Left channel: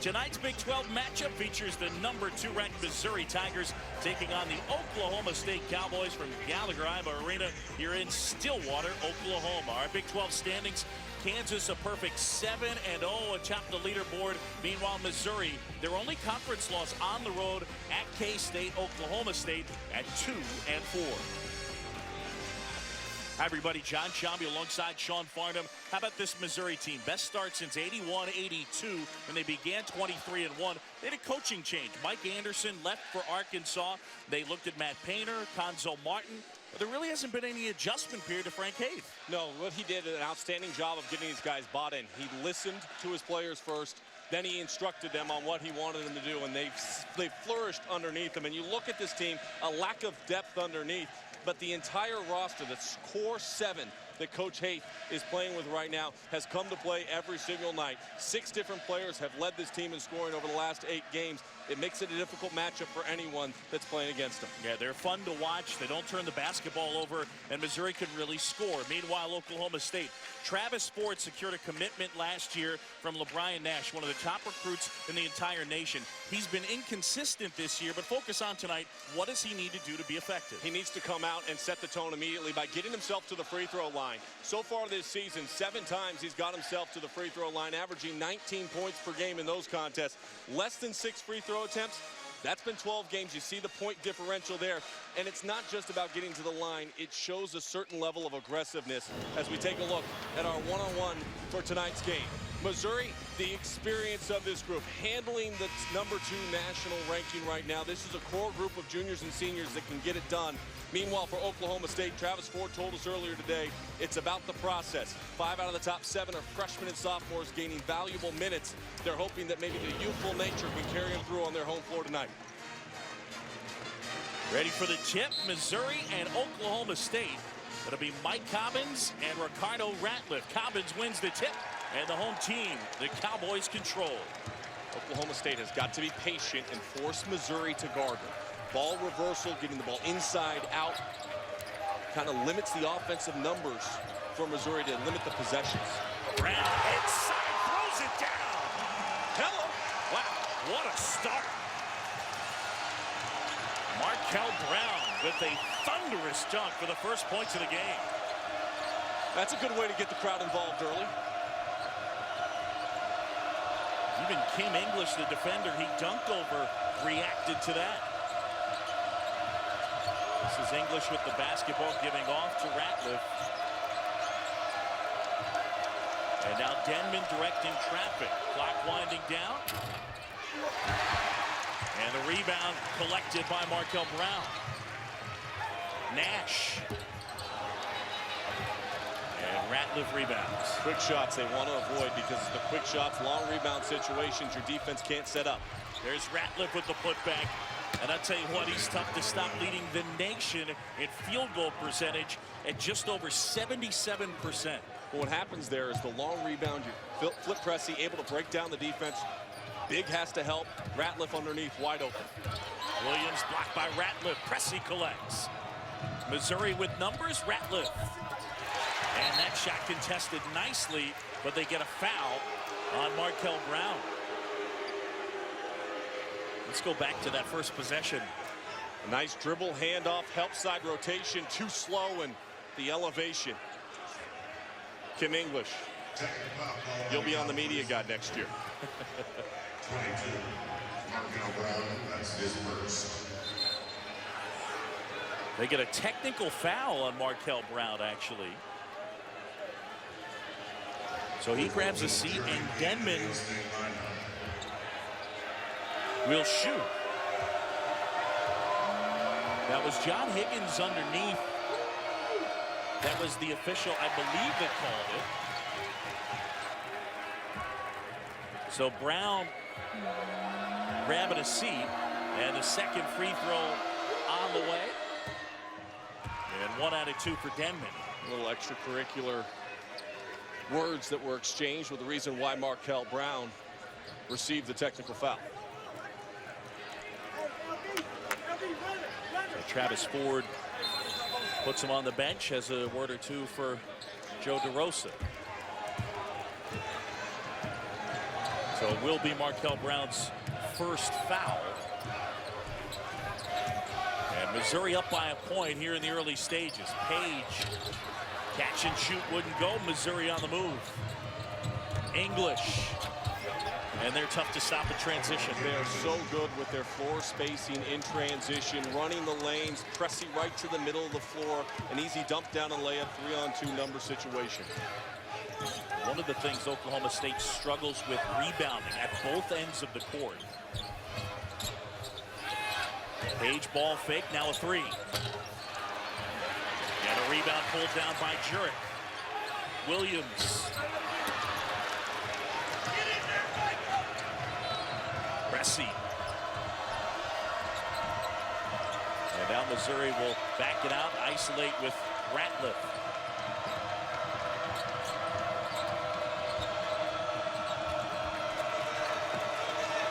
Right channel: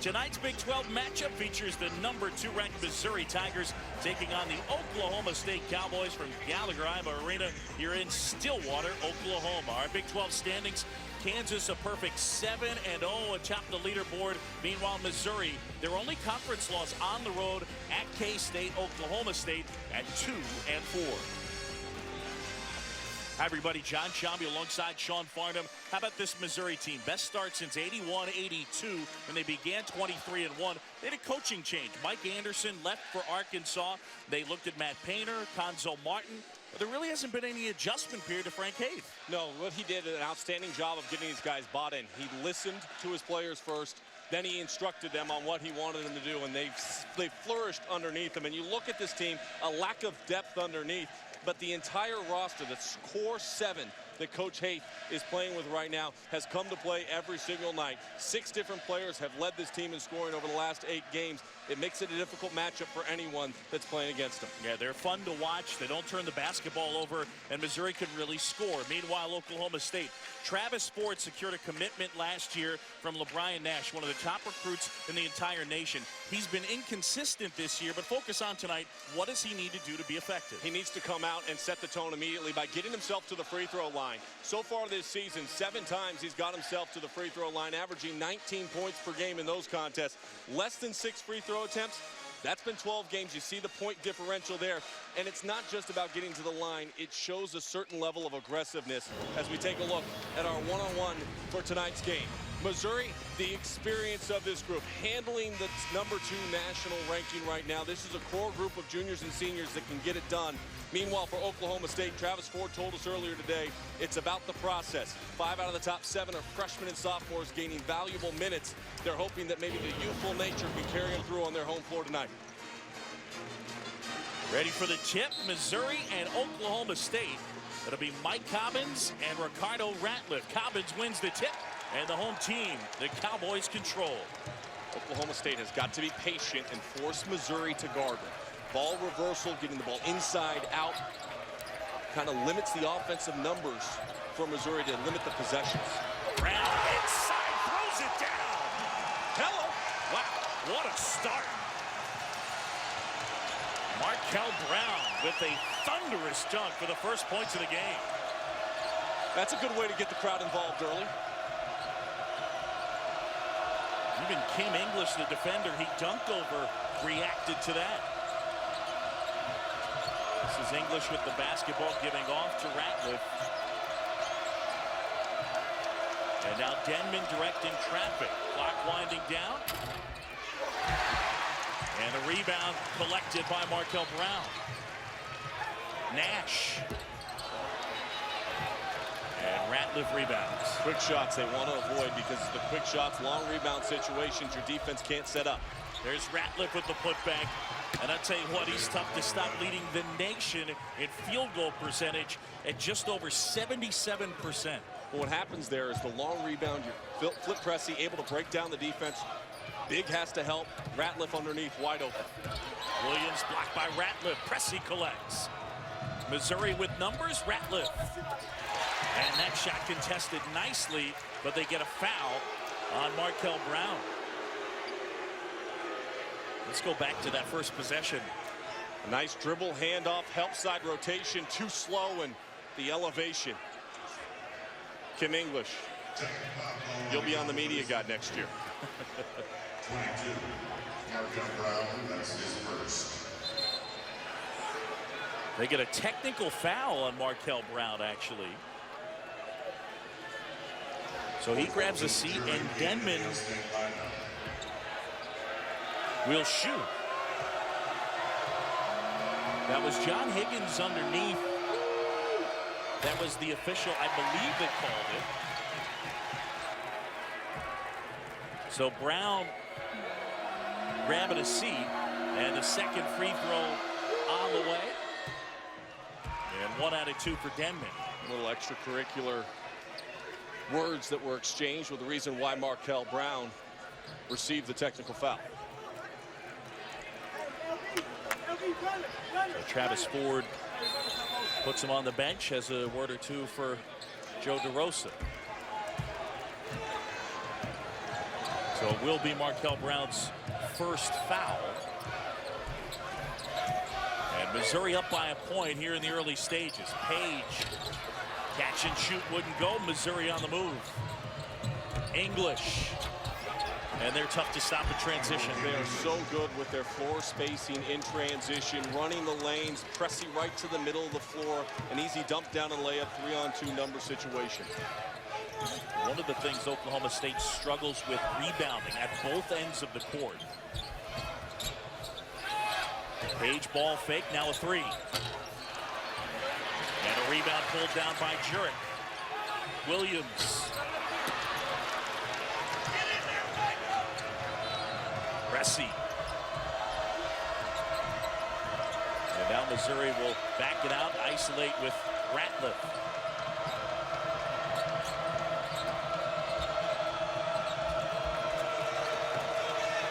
Tonight's Big 12 matchup features the #2 ranked Missouri Tigers taking on the Oklahoma State Cowboys from Gallagher-Iba Arena here in Stillwater, Oklahoma. Our Big 12 standings: Kansas a perfect 7-0 atop the leaderboard. Meanwhile, Missouri, their only conference loss on the road at K-State. Oklahoma State at 2-4. Hi, everybody. John Shambi alongside Sean Farnham. How about this Missouri team? Best start since 81-82 when they began 23-1. They had a coaching change. Mike Anderson left for Arkansas. They looked at Matt Painter, Conzo Martin. But there really hasn't been any adjustment period to Frank Haith. No, what he did an outstanding job of getting these guys bought in. He listened to his players first. Then he instructed them on what he wanted them to do, and they've flourished underneath him. And you look at this team, a lack of depth underneath. But the entire roster, the core 7 that Coach Haith is playing with right now, has come to play every single night. 6 different players have led this team in scoring over the last 8 games. It makes it a difficult matchup for anyone that's playing against them. Yeah, they're fun to watch. They don't turn the basketball over, and Missouri can really score. Meanwhile, Oklahoma State, Travis Ford secured a commitment last year from LeBron Nash, one of the top recruits in the entire nation. He's been inconsistent this year, but focus on tonight. What does he need to do to be effective? He needs to come out and set the tone immediately by getting himself to the free throw line. So far this season, 7 times he's got himself to the free throw line, averaging 19 points per game in those contests. Less than 6 free throw attempts. That's been 12 games. You see the point differential there. And it's not just about getting to the line. It shows a certain level of aggressiveness as we take a look at our one-on-one for tonight's game. Missouri, the experience of this group, handling the #2 national ranking right now. This is a core group of juniors and seniors that can get it done. Meanwhile, for Oklahoma State, Travis Ford told us earlier today, it's about the process. 5 out of the top 7 are freshmen and sophomores gaining valuable minutes. They're hoping that maybe the youthful nature can carry them through on their home floor tonight. Ready for the tip, Missouri and Oklahoma State. It'll be Mike Cobbins and Ricardo Ratliff. Cobbins wins the tip, and the home team, the Cowboys, control. Oklahoma State has got to be patient and force Missouri to guard them. Ball reversal, getting the ball inside out, kind of limits the offensive numbers for Missouri to limit the possessions. Brown inside, throws it down. Hello. Wow, what a start. Markel Brown with a thunderous dunk for the first points of the game. That's a good way to get the crowd involved early. Even Kim English, the defender he dunked over, reacted to that. This is English with the basketball, giving off to Ratliff. And now Denman directing traffic. Clock winding down. And a rebound collected by Markel Brown. Nash. And Ratliff rebounds. Quick shots they want to avoid because the quick shots, long rebound situations your defense can't set up. There's Ratliff with the putback. And I tell you what, he's tough to stop, leading the nation in field goal percentage at just over 77%. Well, what happens there is the long rebound, you're flip pressy, able to break down the defense. Big has to help. Ratliff underneath, wide open. Williams blocked by Ratliff. Pressey collects. Missouri with numbers, Ratliff. And that shot contested nicely, but they get a foul on Markel Brown. Let's go back to that first possession. A nice dribble, handoff, help side rotation, too slow, and the elevation. Kim English, you'll be on the media guide next year. 22, Markel Brown, that's his first. They get a technical foul on Markel Brown, actually. So he grabs a seat, and Denman will shoot. That was John Higgins underneath. That was the official, I believe, that called it. So Brown grabbing a seat, and the second free throw on the way. And 1 out of 2 for Denman. A little extracurricular words that were exchanged with the reason why Markel Brown received the technical foul. So Travis Ford puts him on the bench, has a word or two for Joe DeRosa. So it will be Markel Brown's first foul. And Missouri up by a point here in the early stages. Page, catch and shoot wouldn't go. Missouri on the move. English. And they're tough to stop in transition. They are so good with their floor spacing in transition, running the lanes, pressing right to the middle of the floor, an easy dump down and layup, 3-on-2 number situation. One of the things Oklahoma State struggles with rebounding at both ends of the court. Page ball fake, now a three. And a rebound pulled down by Jurek. Williams. Pressey. And now Missouri will back it out, isolate with Ratliff.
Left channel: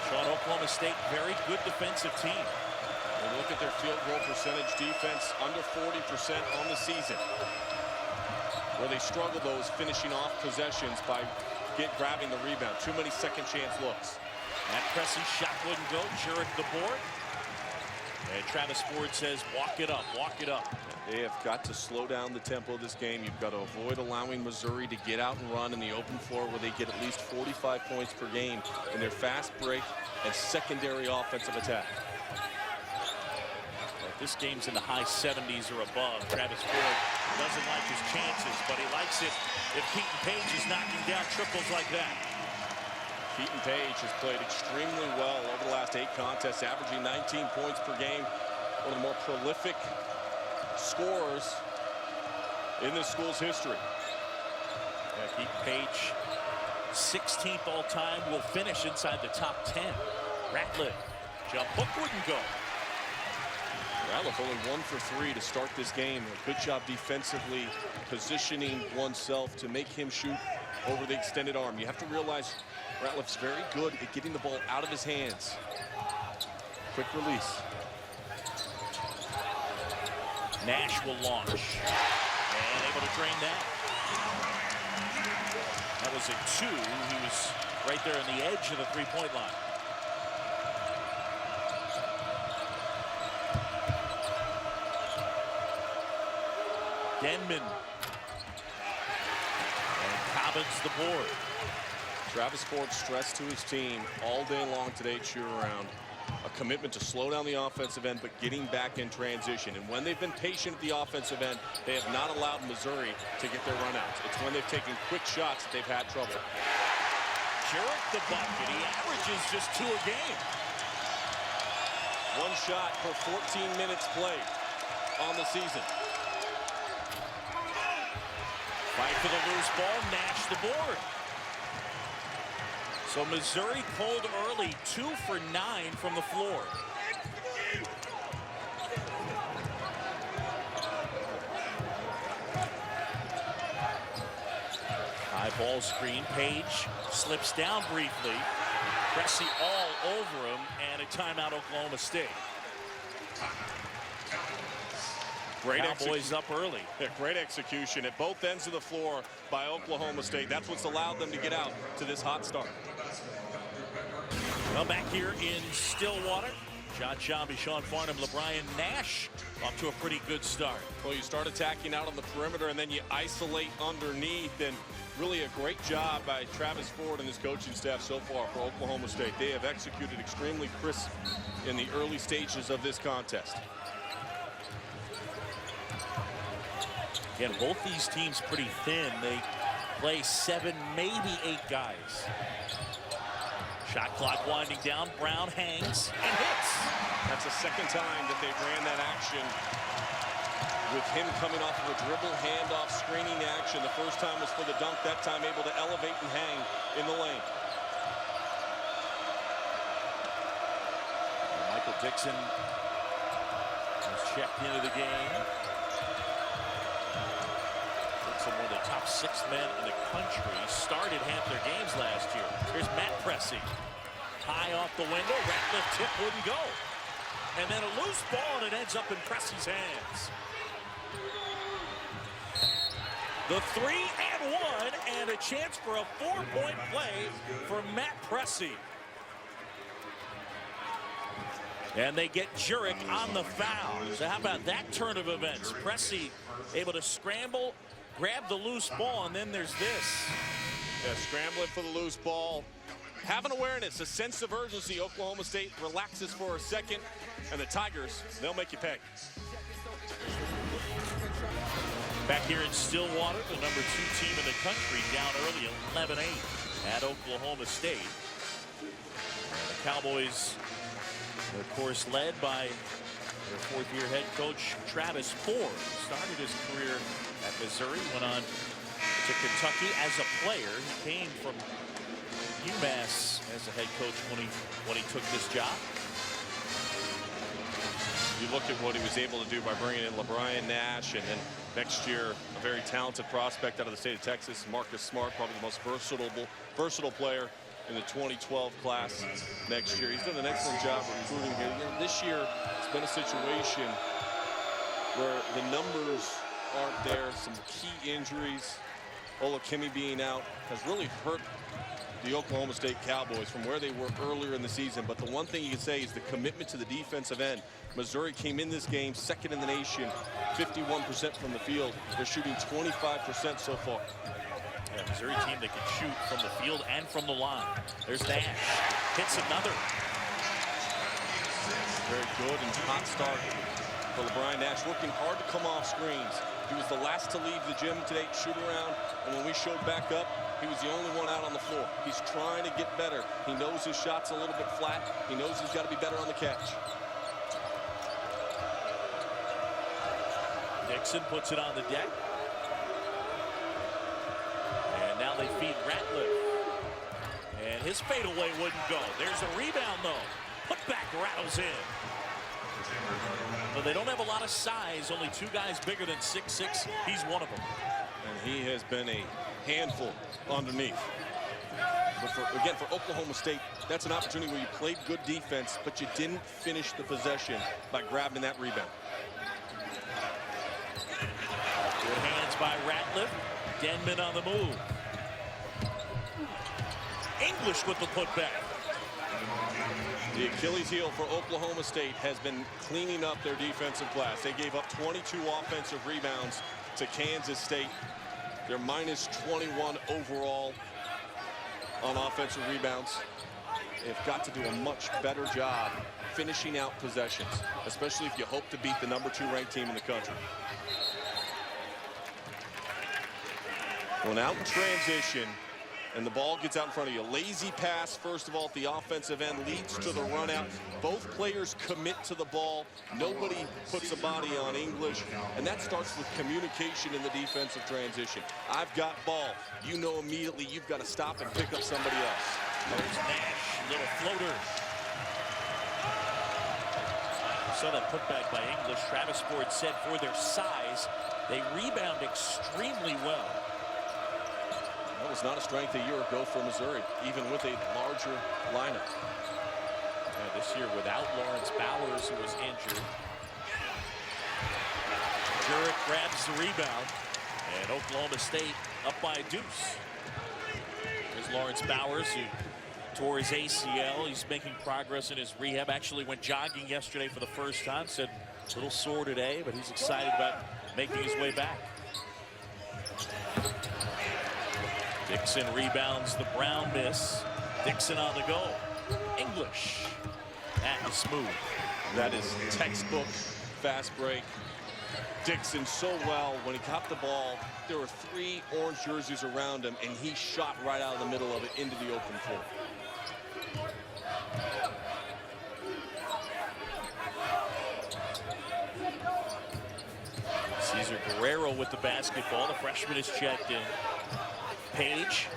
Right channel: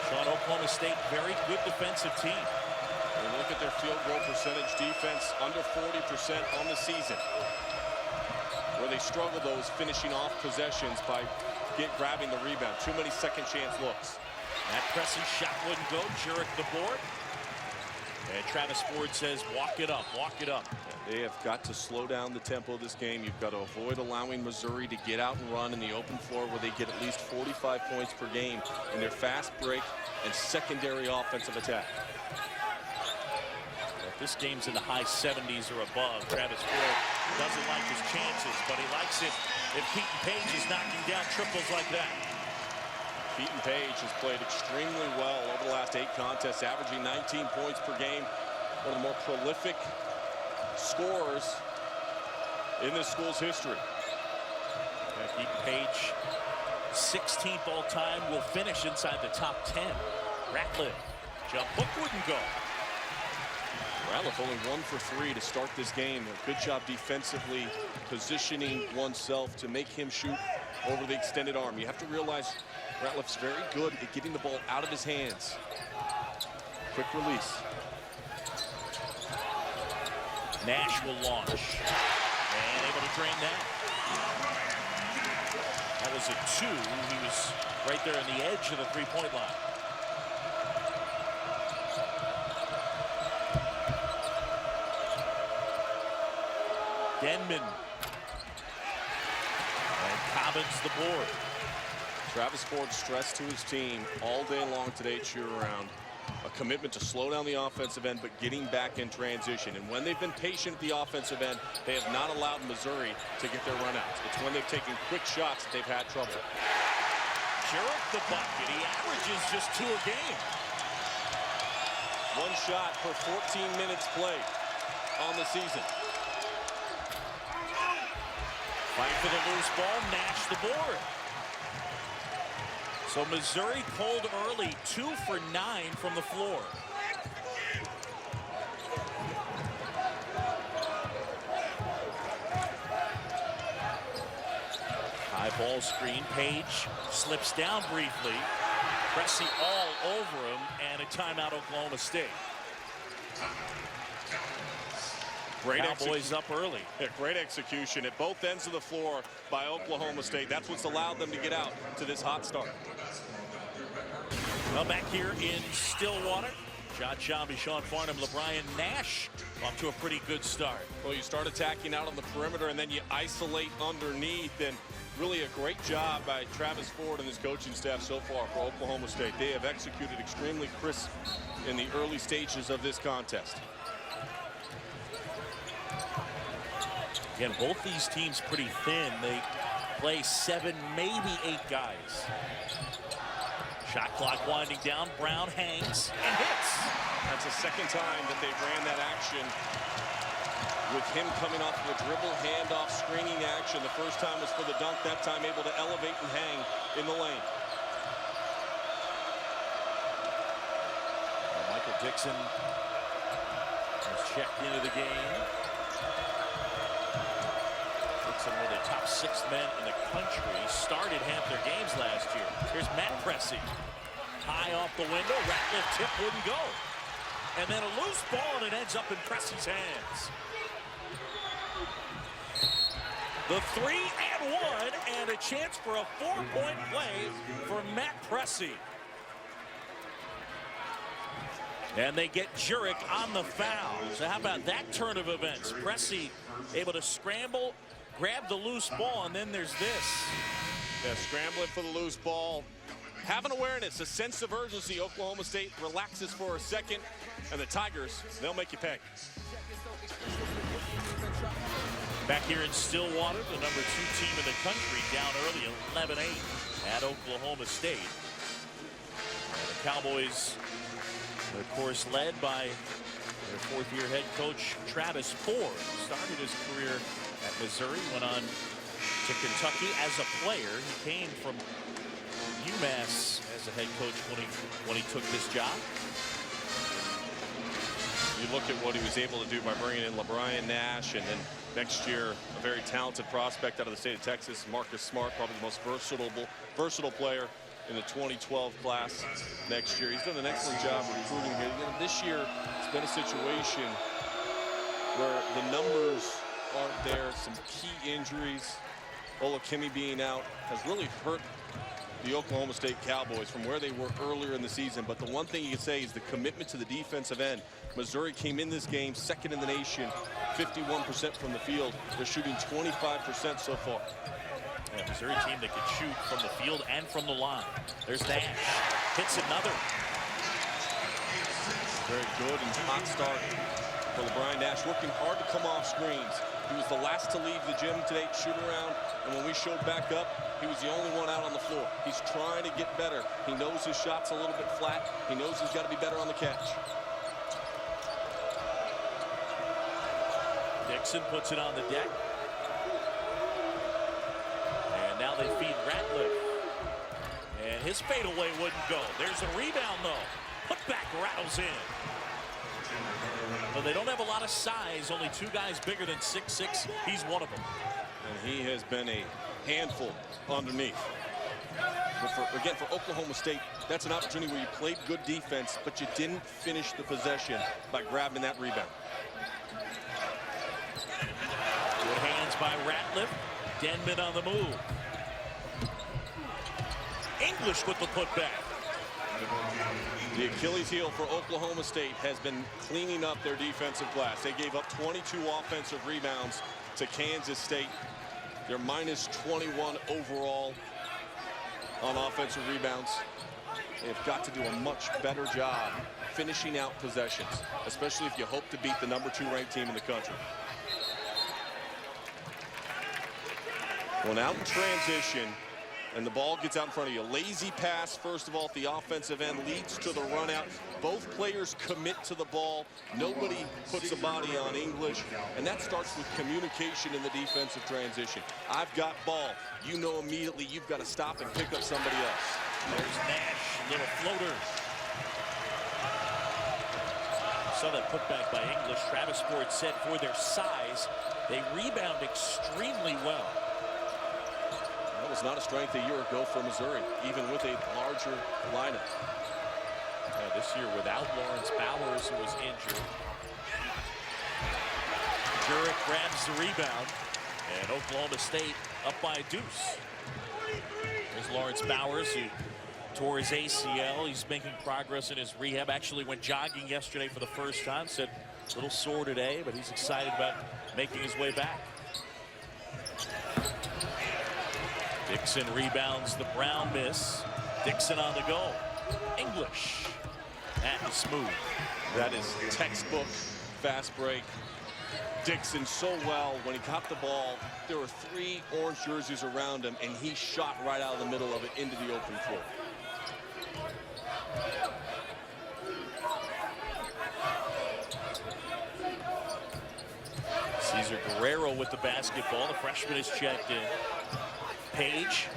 Sean, Oklahoma State, very good defensive team. When you look at their field goal percentage, defense under 40% on the season. Where they struggle, though, is finishing off possessions by grabbing the rebound. Too many second chance looks. That Pressey shot wouldn't go. Jurek the board. And Travis Ford says, walk it up, walk it up. They have got to slow down the tempo of this game. You've got to avoid allowing Missouri to get out and run in the open floor where they get at least 45 points per game in their fast break and secondary offensive attack. Well, if this game's in the high 70s or above, Travis Ford doesn't like his chances, but he likes it if Keaton Page is knocking down triples like that. Keaton Page has played extremely well over the last 8 contests, averaging 19 points per game. One of the more prolific scorers in this school's history. Yeah, Keaton Page, 16th all time, will finish inside the top 10. Ratliff, jump hook wouldn't go. Ratliff only 1 for 3 to start this game. A good job defensively positioning oneself to make him shoot over the extended arm. You have to realize Ratliff's very good at getting the ball out of his hands. Quick release. Nash will launch. And able to drain that. That was a 2. He was right there on the edge of the three-point line. Denman. And Cobbins the board. Travis Ford stressed to his team all day long today at shoot-around. A commitment to slow down the offensive end, but getting back in transition. And when they've been patient at the offensive end, they have not allowed Missouri to get their runouts. It's when they've taken quick shots that they've had trouble. Jurek the bucket. He averages just 2 a game. 1 shot per 14 minutes played on the season. Fight for the loose ball. Nash the board. So Missouri cold early, 2 for 9 from the floor. High ball screen. Page slips down briefly. Pressey all over him, and a timeout Oklahoma State. Great Cowboys up early. Yeah, great execution at both ends of the floor by Oklahoma State. That's what's allowed them to get out to this hot start. Well, back here in Stillwater, John Shambi, Sean Farnham, LeBrian Nash off to a pretty good start. Well, you start attacking out on the perimeter and then you isolate underneath, and really a great job by Travis Ford and his coaching staff so far for Oklahoma State. They have executed extremely crisp in the early stages of this contest. Again, both these teams pretty thin. They play 7, maybe 8 guys. Shot clock winding down. Brown hangs and hits. That's the second time that they ran that action with him coming off of a dribble handoff screening action. The first time was for the dunk, that time able to elevate and hang in the lane. And Michael Dixon has checked into the game. Dixon, one of the top 6 men in the country, started half their games last year. Here's Matt Pressey. High off the window. Ratliff tip wouldn't go. And then a loose ball, and it ends up in Pressey's hands. The 3-and-1, and a chance for a 4-point play for Matt Pressey. And they get Jurek on the foul. So how about that turn of events? Pressey able to scramble, grab the loose ball, and then there's this. Yeah, scrambling for the loose ball. Have an awareness, a sense of urgency. Oklahoma State relaxes for a second, and the Tigers, they'll make you pay. Back here in Stillwater, the number 2 team in the country, down early 11-8 at Oklahoma State. And the Cowboys, of course, led by their 4th-year head coach Travis Ford. Started his career at Missouri, went on to Kentucky as a player. He came from UMass as a head coach when he took this job. You look at what he was able to do by bringing in LeBron Nash, and then next year a very talented prospect out of the state of Texas, Marcus Smart, probably the most versatile player in the 2012 class next year. He's done an excellent job recruiting here. You know, this year it's been a situation where the numbers aren't there. Some key injuries. Olakimi being out has really hurt the Oklahoma State Cowboys from where they were earlier in the season. But the one thing you can say is the commitment to the defensive end. Missouri came in this game 2nd in the nation, 51% from the field. They're shooting 25% so far. Yeah, Missouri team that could shoot from the field and from the line. There's Nash. Hits another. Very good and hot start for LeBron Nash, working hard to come off screens. He was the last to leave the gym today, shoot around, and when we showed back up, he was the only one out on the floor. He's trying to get better. He knows his shot's a little bit flat. He knows he's got to be better on the catch. Dixon puts it on the deck. And now they feed Ratliff. And his fadeaway wouldn't go. There's a rebound, though. Putback rattles in. But they don't have a lot of size. Only 2 guys bigger than 6'6". He's one of them. And he has been a handful underneath. But again, for Oklahoma State, that's an opportunity where you played good defense, but you didn't finish the possession by grabbing that rebound. Good hands by Ratliff. Denman on the move. English with the putback. The Achilles heel for Oklahoma State has been cleaning up their defensive glass. They gave up 22 offensive rebounds to Kansas State. They're minus 21 overall on offensive rebounds. They've got to do a much better job finishing out possessions, especially if you hope to beat the number 2 ranked team in the country. When out in transition and the ball gets out in front of you, lazy pass first of all at the offensive end leads to the run out. Both players commit to the ball. Nobody puts a body on English, and that starts with communication in the defensive transition. I've got ball. You know immediately you've got to stop and pick up somebody else. There's Nash, little floater. Saw that putback by English. Travis Ford said for their size, they rebound extremely well. That was not a strength a year ago for Missouri, even with a larger lineup. This year without Lawrence Bowers, who was injured. Jurek grabs the rebound, and Oklahoma State up by a deuce. There's Lawrence Bowers, who tore his ACL. He's making progress in his rehab. Actually went jogging yesterday for the first time. Said a little sore today, but he's excited about making his way back. Dixon rebounds the Brown miss. Dixon on the go. English. That is smooth. That is textbook fast break. Dixon so well when he got the ball. There were 3 orange jerseys around him, and he shot right out of the middle of it into the open floor. Cesar Guerrero with the basketball. The freshman is checked in. Page.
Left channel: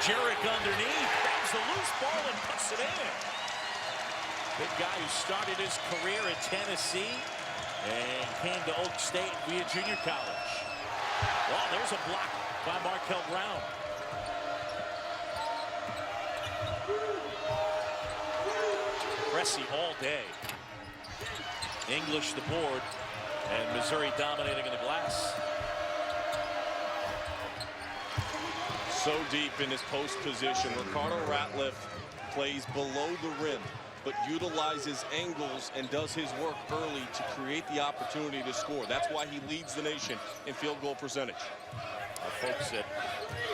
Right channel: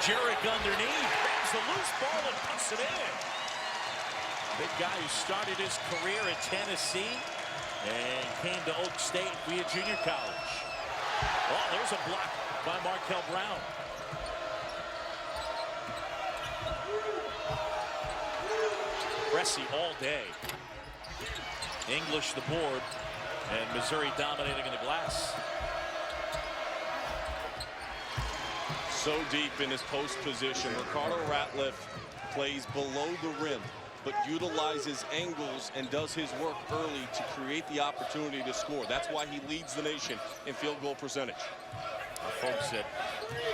Jurek underneath, grabs the loose ball and puts it in. Big guy who started his career at Tennessee and came to Oak State via junior college. Oh, there's a block by Markel Brown. Pressey all day. English the board. And Missouri dominating in the glass. So deep in his post position. Ricardo Ratliff plays below the rim, but utilizes angles and does his work early to create the opportunity to score. That's why he leads the nation in field goal percentage. Our folks at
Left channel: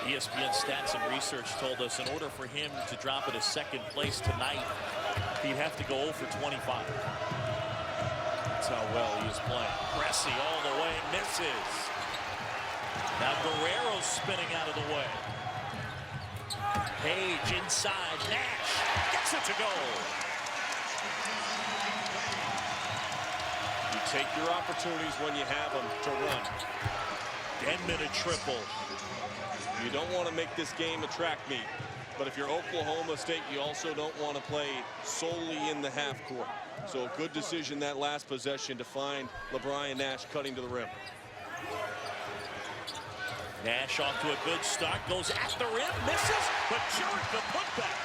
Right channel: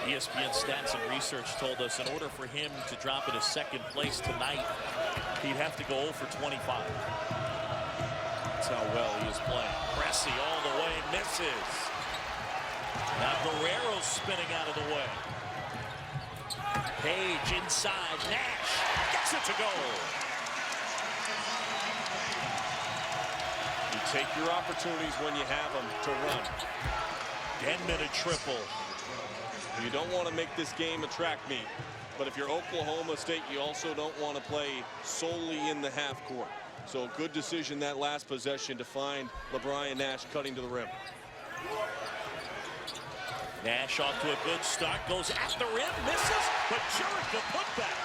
ESPN Stats and Research told us in order for him to drop into second place tonight, he'd have to go 0 for 25. That's how well he is playing. Cressy all the way, misses. Now Guerrero's spinning out of the way. Page inside, Nash gets it to go. You take your opportunities when you have them to run. 10-minute triple. You don't want to make this game a track meet, but if you're Oklahoma State, you also don't want to play solely in the half court. So a good decision that last possession to find LeBron Nash cutting to the rim. Nash off to a good start, goes at the rim, misses, but Jurek the putback.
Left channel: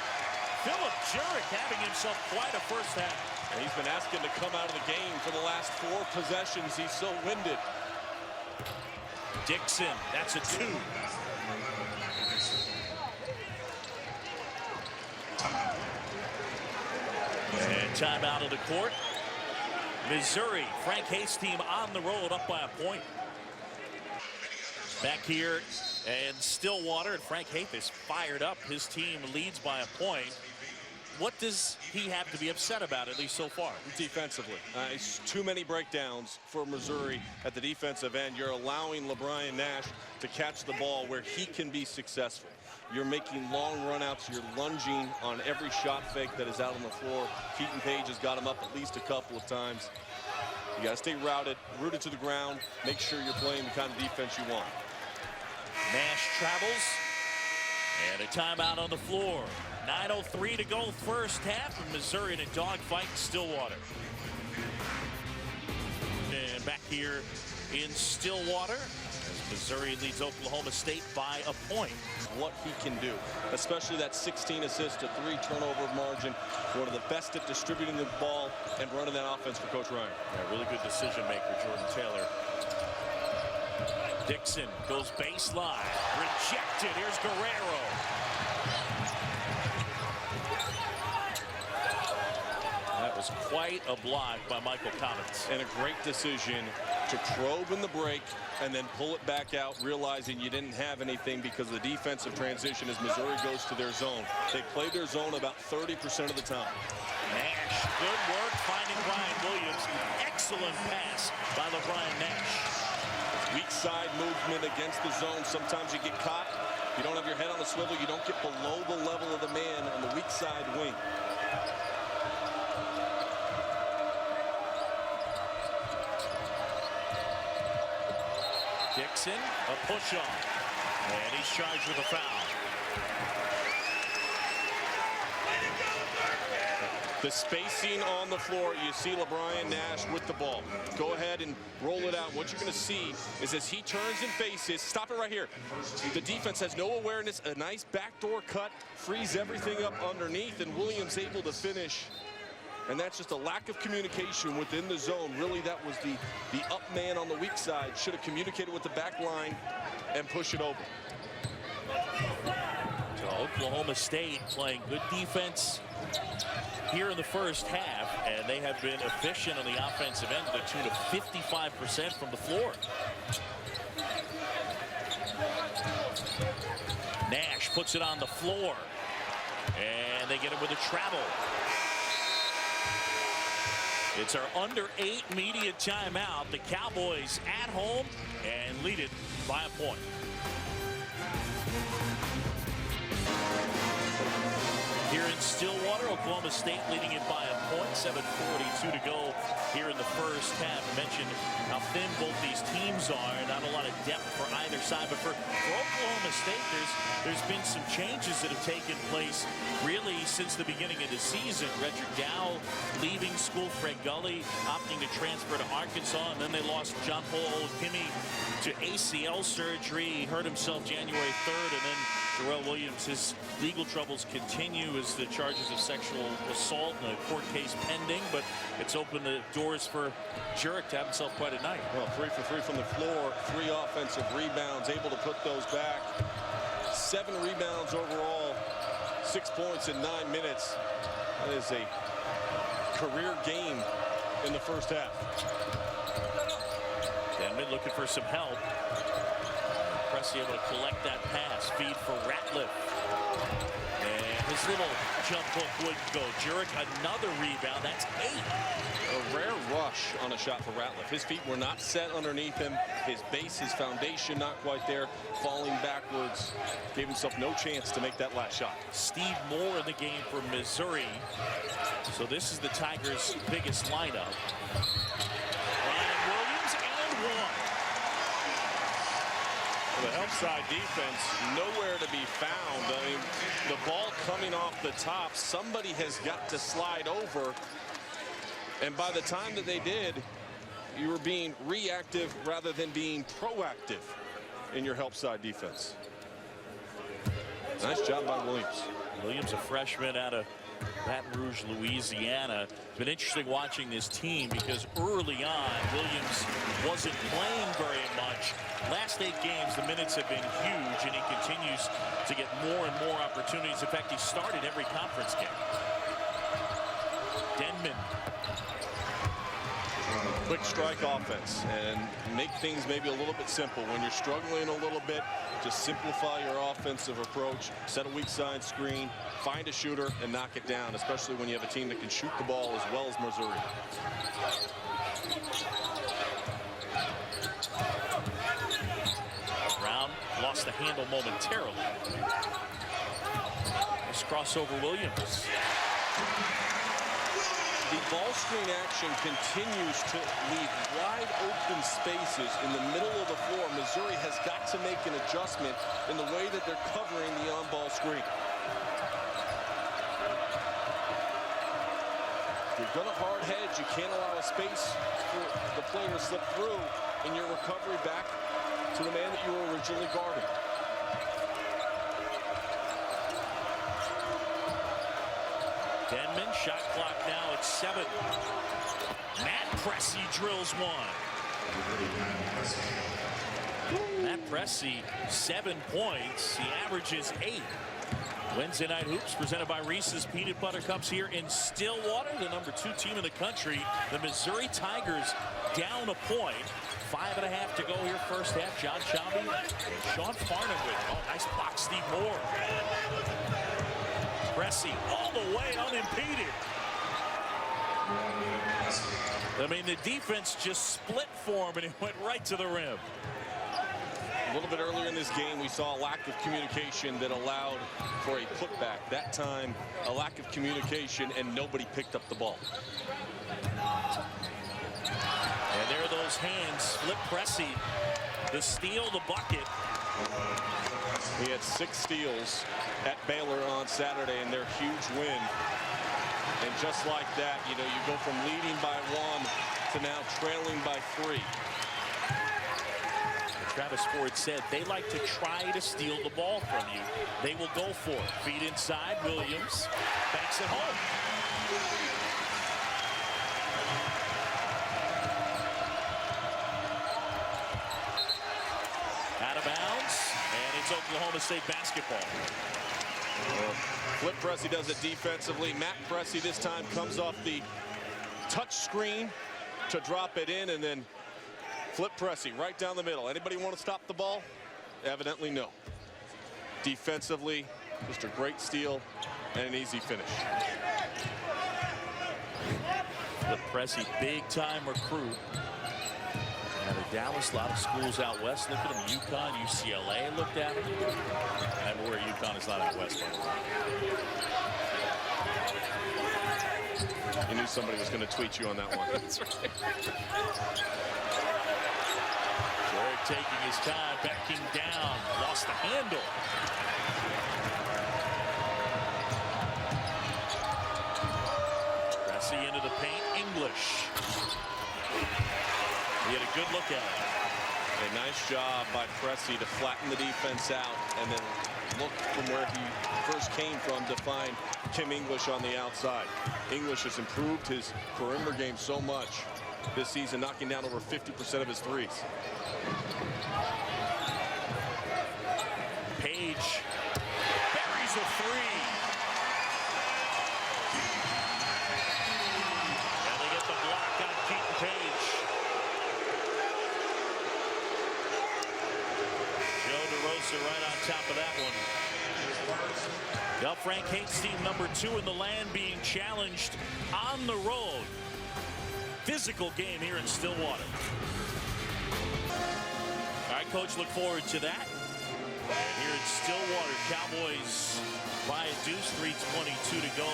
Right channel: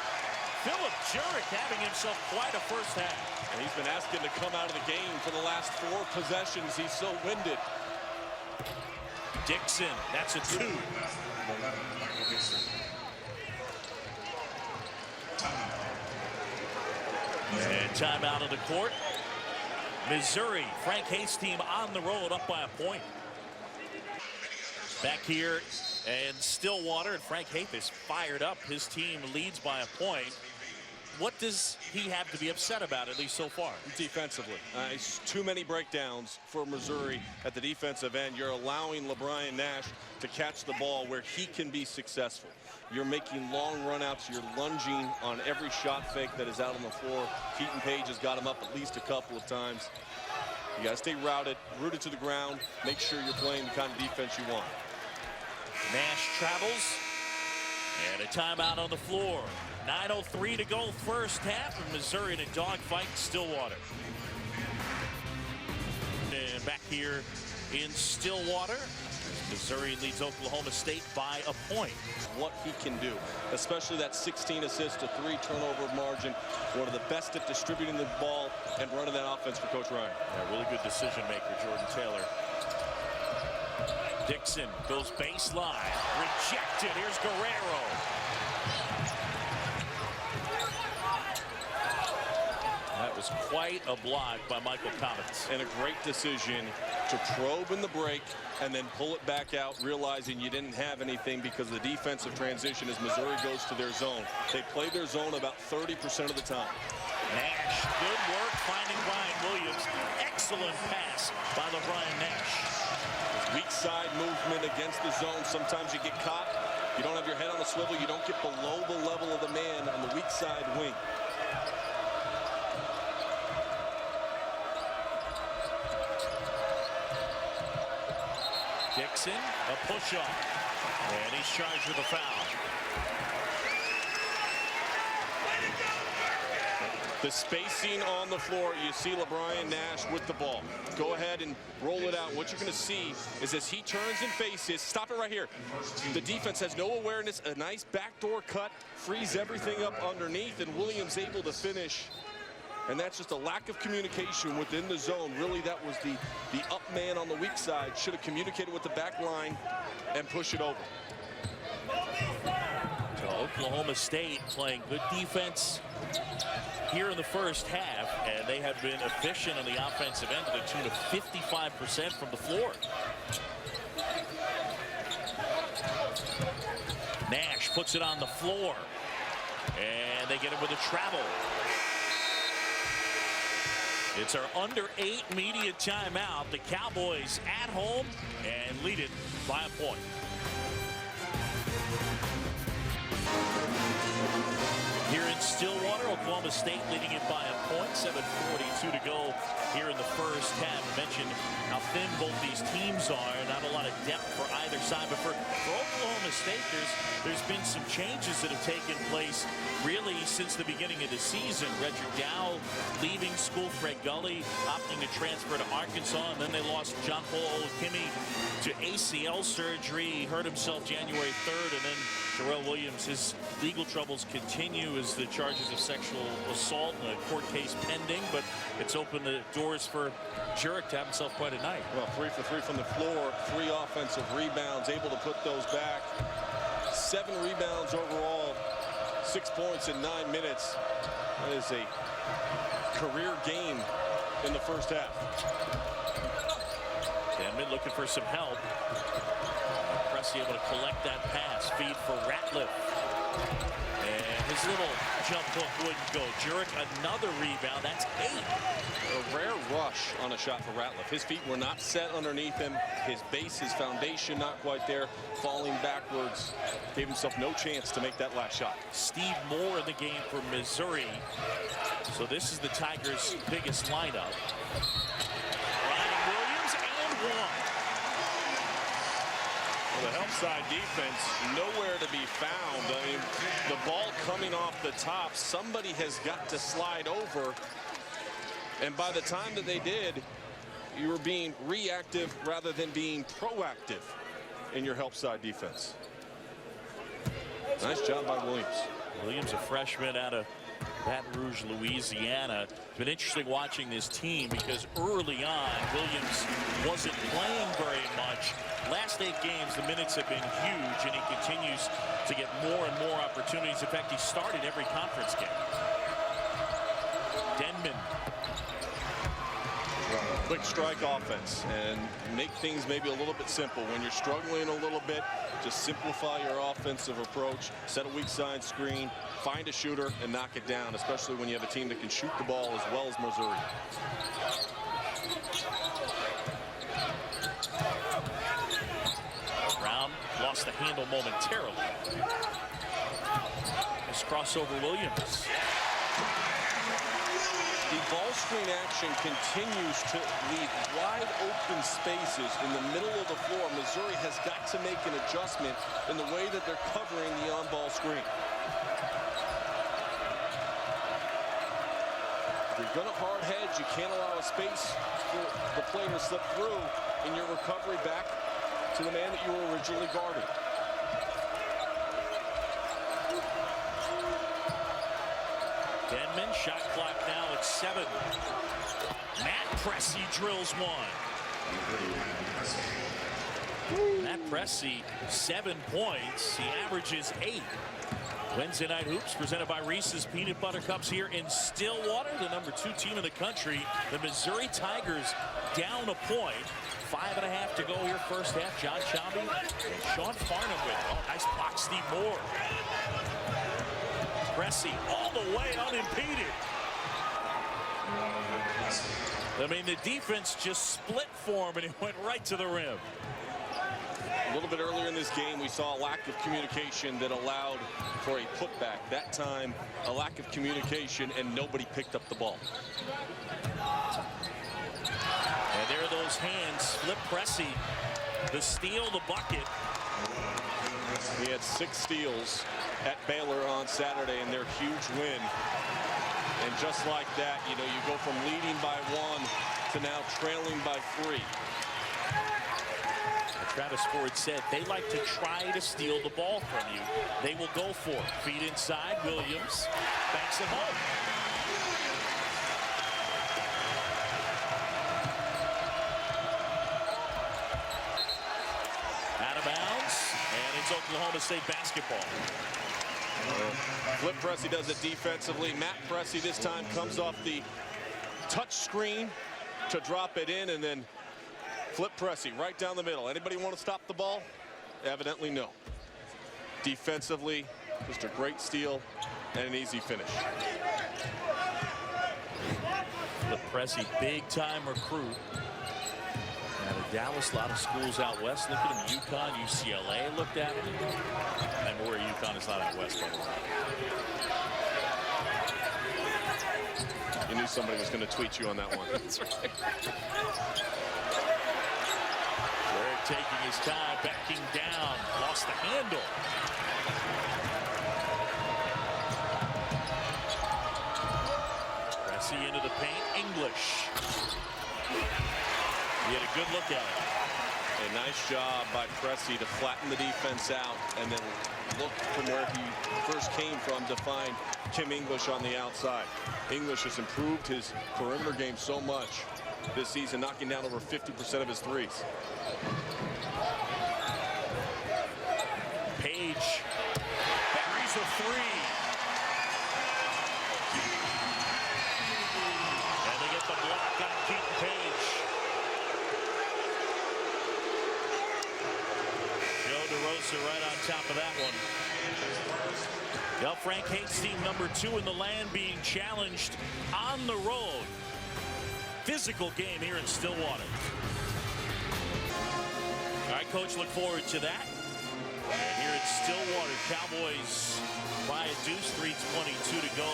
Philip Jurek having himself quite a first half. And he's been asking to come out of the game for the last 4 possessions. He's so winded. Dixon, that's a 2. And timeout on the court. Missouri, Frank Haith's team on the road, up by a point. Back here and Stillwater, and Frank Haith is fired up. His team leads by a point. What does he have to be upset about, at least so far? Defensively. It's too many breakdowns for Missouri at the defensive end. You're allowing LeBron Nash to catch the ball where he can be successful. You're making long runouts. You're lunging on every shot fake that is out on the floor. Keaton Page has got him up at least a couple of times. You got to stay rooted to the ground. Make sure you're playing the kind of defense you want. Nash travels, and a timeout on the floor. 9:03 to go first half, and Missouri in a dogfight in Stillwater. And back here in Stillwater, as Missouri leads Oklahoma State by a point. What he can do, especially that 16 assist to 3 turnover margin. One of the best at distributing the ball and running that offense for Coach Ryan. Yeah, really good decision maker, Jordan Taylor. Dixon goes baseline, rejected. Here's Guerrero. That was quite a block by Michael Commons. And a great decision to probe in the break and then pull it back out, realizing you didn't have anything because of the defensive transition as Missouri goes to their zone. They play their zone about 30% of the time. Nash, good work finding Brian Williams. Excellent pass by LeBron Nash. Weak side movement against the zone. Sometimes you get caught. You don't have your head on the swivel. You don't get below the level of the man on the weak side wing. Dixon, a push-off, and he's charged with a foul. The spacing on the floor, you see LeBron Nash with the ball. Go ahead and roll it out. What you're going to see is as he turns and faces, stop it right here. The defense has no awareness. A nice backdoor cut, frees everything up underneath, and Williams able to finish. And that's just a lack of communication within the zone. Really, that was the up man on the weak side. Should have communicated with the back line and push it over. So Oklahoma State playing good defense here in the first half, and they have been efficient on the offensive end to the tune of 55% from the floor. Nash puts it on the floor, and they get him with a travel. It's our under 8 media timeout. The Cowboys at home and lead it by a point. Here in Stillwater, Oklahoma State leading it by a point. 7:42 to go here in the first half. I mentioned how thin both these teams are. Not a lot of depth for either side. But for Oklahoma State, there's been some changes that have taken place really since the beginning of the season. Redrick Dow leaving school. Fred Gully opting to transfer to Arkansas. And then they lost John Paul Olakimi to ACL surgery. He hurt himself January 3rd, and then Darrell Williams, his legal troubles continue as the charges of sexual assault and a court case pending, but it's opened the doors for Jurek to have himself quite a night. Well, 3 for 3 from the floor, 3 offensive rebounds, able to put those back. 7 rebounds overall, 6 points in 9 minutes. That is a career game in the first half. Denman looking for some help. Pressey able to collect that pass. Feed for Ratliff. And his little jump hook wouldn't go. Jurek, another rebound. That's 8. A rare rush on a shot for Ratliff. His feet were not set underneath him. His base, his foundation not quite there. Falling backwards. Gave himself no chance to make that last shot. Steve Moore in the game for Missouri. So this is the Tigers' biggest lineup. Ryan Williams and 1. Well, the help side defense nowhere to be found. I mean, the ball coming off the top, somebody has got to slide over. And by the time that they did, you were being reactive rather than being proactive in your help side defense. Nice job by Williams. Williams, a freshman out of Baton Rouge, Louisiana. It's been interesting watching this team because early on, Williams wasn't playing very much. Last 8 games, the minutes have been huge, and he continues to get more and more opportunities. In fact, he started every conference game. Denman. Quick strike offense and make things maybe a little bit simple. When you're struggling a little bit, just simplify your offensive approach, set a weak side screen, find a shooter and knock it down, especially when you have a team that can shoot the ball as well as Missouri. Brown lost the handle momentarily. Nice crossover Williams. The ball screen action continues to leave wide open spaces in the middle of the floor. Missouri has got to make an adjustment in the way that they're covering the on-ball screen. If you're going to hard hedge, you can't allow a space for the player to slip through in your recovery back to the man that you were originally guarding. Denman, shot clock now at 7. Matt Pressey drills 1. Matt Pressey, 7 points. He averages 8. Wednesday Night Hoops presented by Reese's Peanut Butter Cups here in Stillwater, the #2 team in the country. The Missouri Tigers down a point. 5.5 to go here first half. John Shambi and Sean Farnham with it. Oh, nice block, Steve Moore. Pressey all the way unimpeded. I mean, the defense just split for him, and he went right to the rim. A little bit earlier in this game, we saw a lack of communication that allowed for a putback. That time, a lack of communication, and nobody picked up the ball. And there are those hands. Flip Pressey, the steal, the bucket. He had 6 steals at Baylor on Saturday in their huge win. And just like that, you know, you go from leading by 1 to now trailing by 3. Travis Ford said they like to try to steal the ball from you. They will go for it. Feed inside, Williams banks it home. Out of bounds, and it's Oklahoma State basketball. Well, Flip Pressey does it defensively. Matt Pressey this time comes off the touch screen to drop it in, and then Flip Pressey right down the middle. Anybody want to stop the ball? Evidently no. Defensively, just a great steal and an easy finish. Flip Pressey, big time recruit. Out of Dallas, a lot of schools out west look at him. UConn, UCLA looked at him. I'm aware UConn is not out west, by the way. You knew somebody was going to tweet you on that one. That's right. Jurek taking his time, backing down, lost the handle. Pressey into the paint, English. He had a good look at it. A nice job by Pressey to flatten the defense out and then look from where he first came from to find Kim English on the outside. English has improved his perimeter game so much this season, knocking down over 50% of his threes. Page buries a three. And they get the block on Keaton Page. Joe DeRosa right on top of that one. Well, Frank Haith's team #2 in the land being challenged on the road. Physical game here in Stillwater. All right, Coach, look forward to that. And here in Stillwater, Cowboys by a deuce, 3:22 to go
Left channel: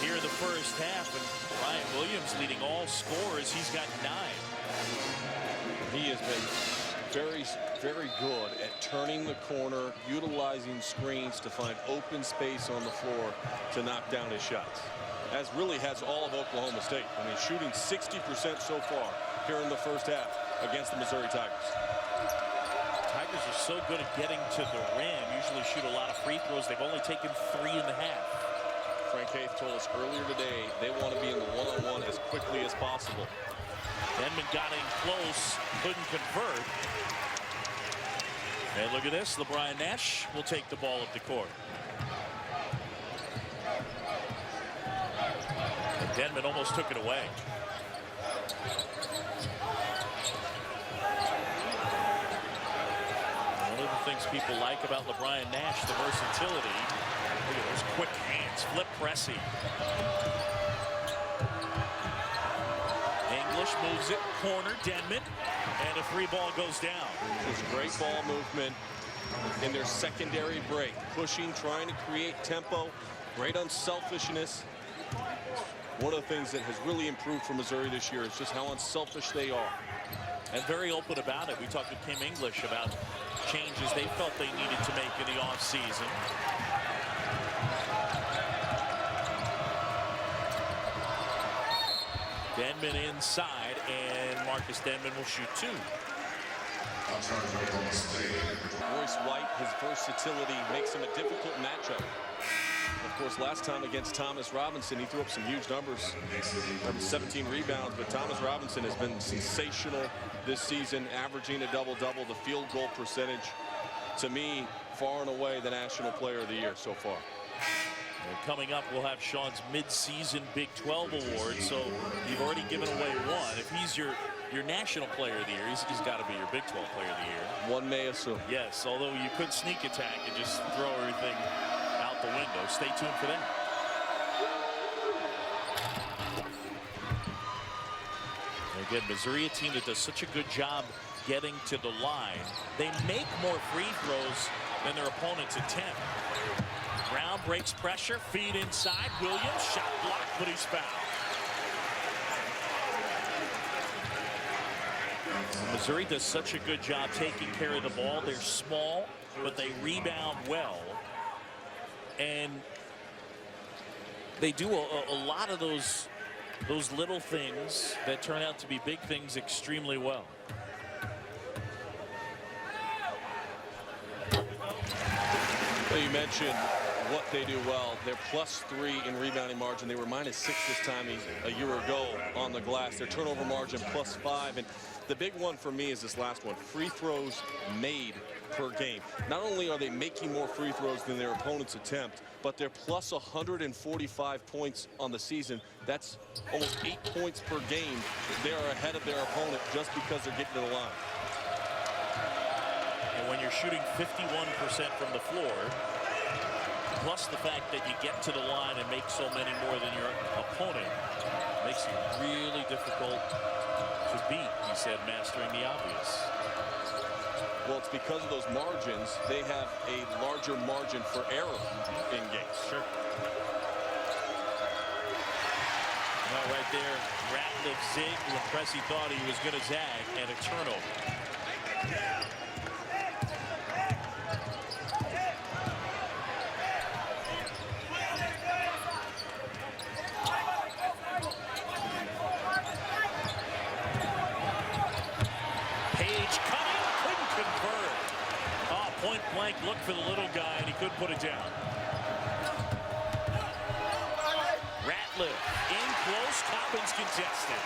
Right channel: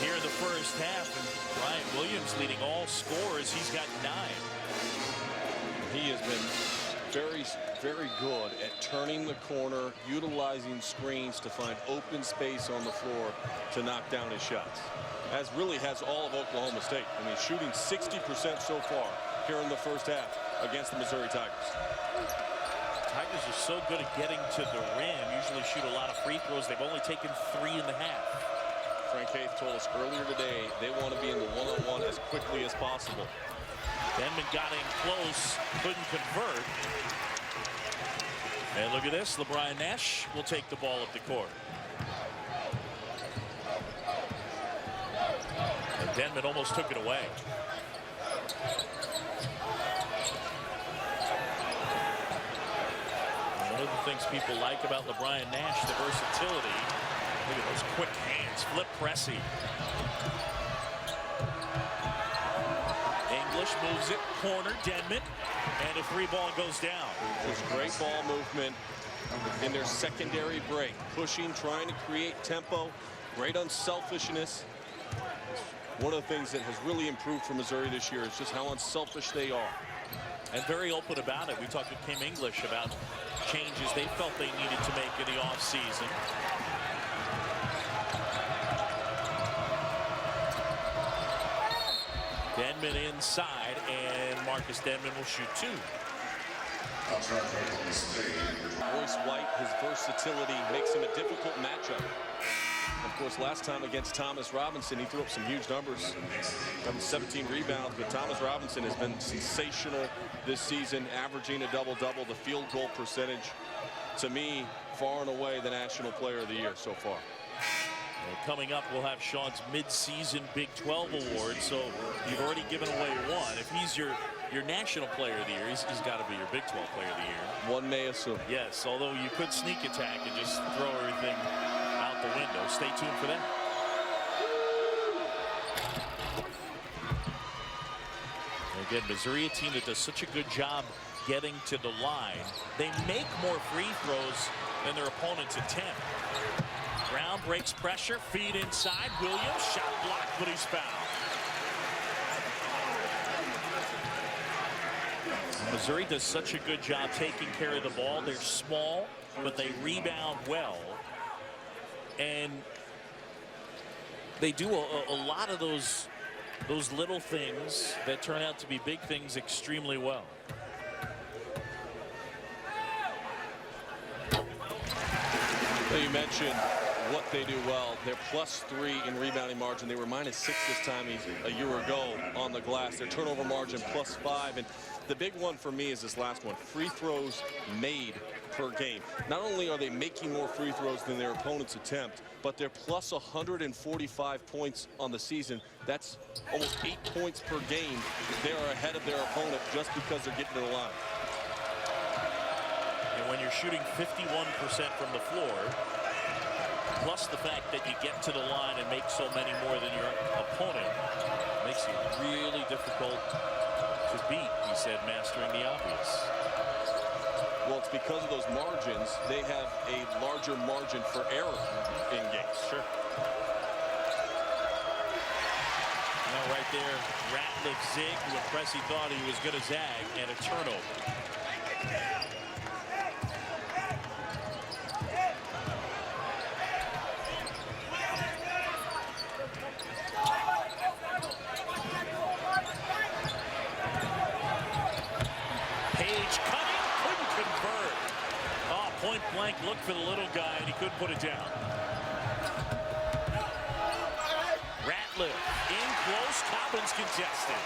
here in the first half. And Ryan Williams leading all scorers. He's got 9. He has been very good at turning the corner, utilizing screens to find open space on the floor to knock down his shots. As really has all of Oklahoma State. I mean, shooting 60% so far here in the first half against the Missouri Tigers. Tigers are so good at getting to the rim. Usually shoot a lot of free throws. They've only taken 3.5. Frank Haith told us earlier today they want to be in the one-on-one as quickly as possible. Denman got in close, couldn't convert. And look at this, LeBron Nash will take the ball up the court. And Denman almost took it away. And one of the things people like about LeBron Nash, the versatility. Look at those quick hands, Flip Pressey. English moves it, corner, Denman, and a 3-ball goes down. There's great ball movement in their secondary break, pushing, trying to create tempo, great unselfishness. One of the things that has really improved for Missouri this year is just how unselfish they are. And very open about it. We talked with Kim English about changes they felt they needed to make in the offseason. Denman inside, and Marcus Denman will shoot 2. Royce White, his versatility makes him a difficult matchup. Of course, last time against Thomas Robinson, he threw up some huge numbers. 17 rebounds, but Thomas Robinson has been sensational this season, averaging a double-double. The field goal percentage, to me, far and away the National Player of the Year so far. And coming up, we'll have Sean's mid-season Big 12 award. So you've already given away one. If he's your National Player of the Year, he's got to be your Big 12 Player of the Year. One may assume. Yes, although you could sneak attack and just throw everything out the window. Stay tuned for that. And again, Missouri, a team that does such a good job getting to the line. They make more free throws than their opponents attempt. Brown breaks pressure, feed inside. Williams, shot blocked, but he's fouled. Missouri does such a good job taking care of the ball. They're small, but they rebound well. And they do a lot of those little things that turn out to be big things extremely well. Well, you mentioned what they do well. They're +3 in rebounding margin. They were -6 this time a year ago on the glass. Their turnover margin +5. And the big one for me is this last one, free throws made per game. Not only are they making more free throws than their opponents attempt, but they're +145 points on the season. That's almost 8 points per game. They are ahead of their opponent just because they're getting to the line. And when you're shooting 51% from the floor, plus the fact that you get to the line and make so many more than your opponent, makes you really difficult to beat, he said, mastering the obvious. Well, it's because of those margins. They have a larger margin for error in games. Sure. Now right there, Ratliff zigged when Pressey thought he was going to zag, and a turnover. Page point blank look for the little guy, and he couldn't put it down. Ratliff in close. Cobbins contested.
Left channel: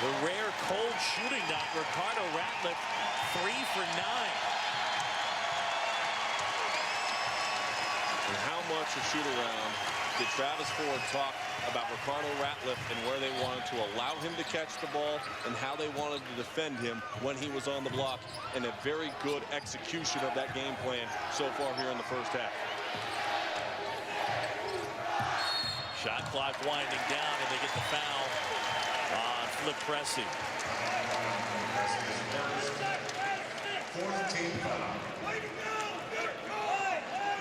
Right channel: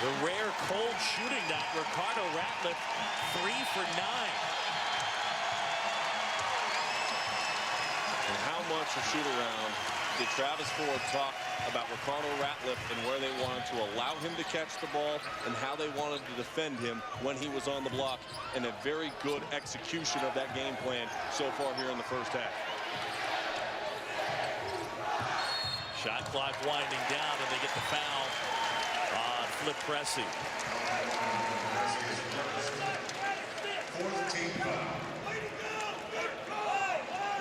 The rare cold shooting night. Ricardo Ratliff 3 for 9. And how much a shoot-around did Travis Ford talk about Ricardo Ratliff and where they wanted to allow him to catch the ball and how they wanted to defend him when he was on the block, and a very good execution of that game plan so far here in the first half. Shot clock winding down, and they get the foul on Flip Pressey.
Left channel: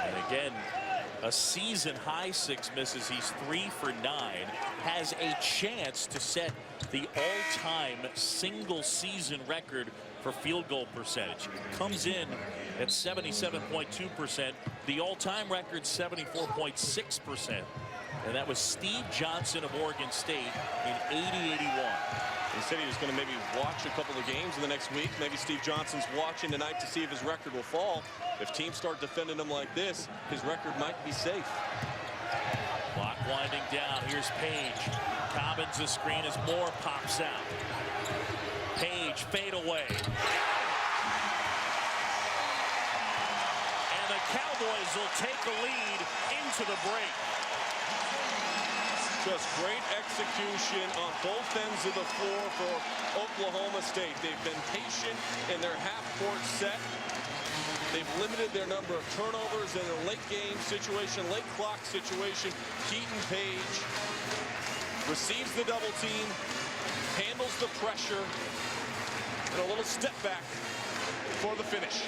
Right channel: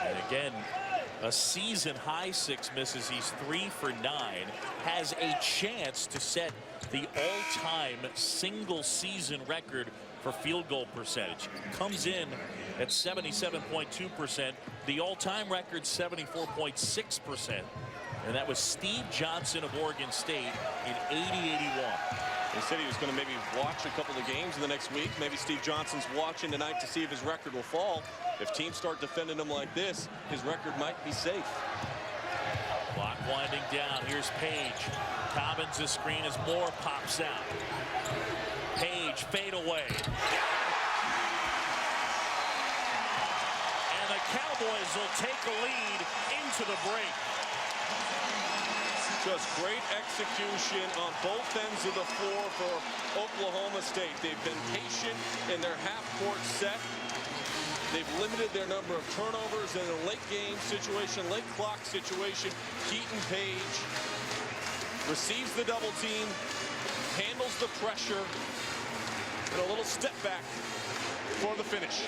And again, a season high 6 misses. He's 3 for 9. Has a chance to set the all-time single season record for field goal percentage. Comes in at 77.2%. The all-time record 74.6%. And that was Steve Johnson of Oregon State in 80-81. He said he was going to maybe watch a couple of games in the next week. Maybe Steve Johnson's watching tonight to see if his record will fall. If teams start defending him like this, his record might be safe. Clock winding down. Here's Page. Cobbins a screen as Moore pops out. Page fade away. And the Cowboys will take a lead into the break. Just great execution on both ends of the floor for Oklahoma State. They've been patient in their half-court set. They've limited their number of turnovers in a late game situation, late clock situation. Keaton Page receives the double team, handles the pressure, and a little step back for the finish.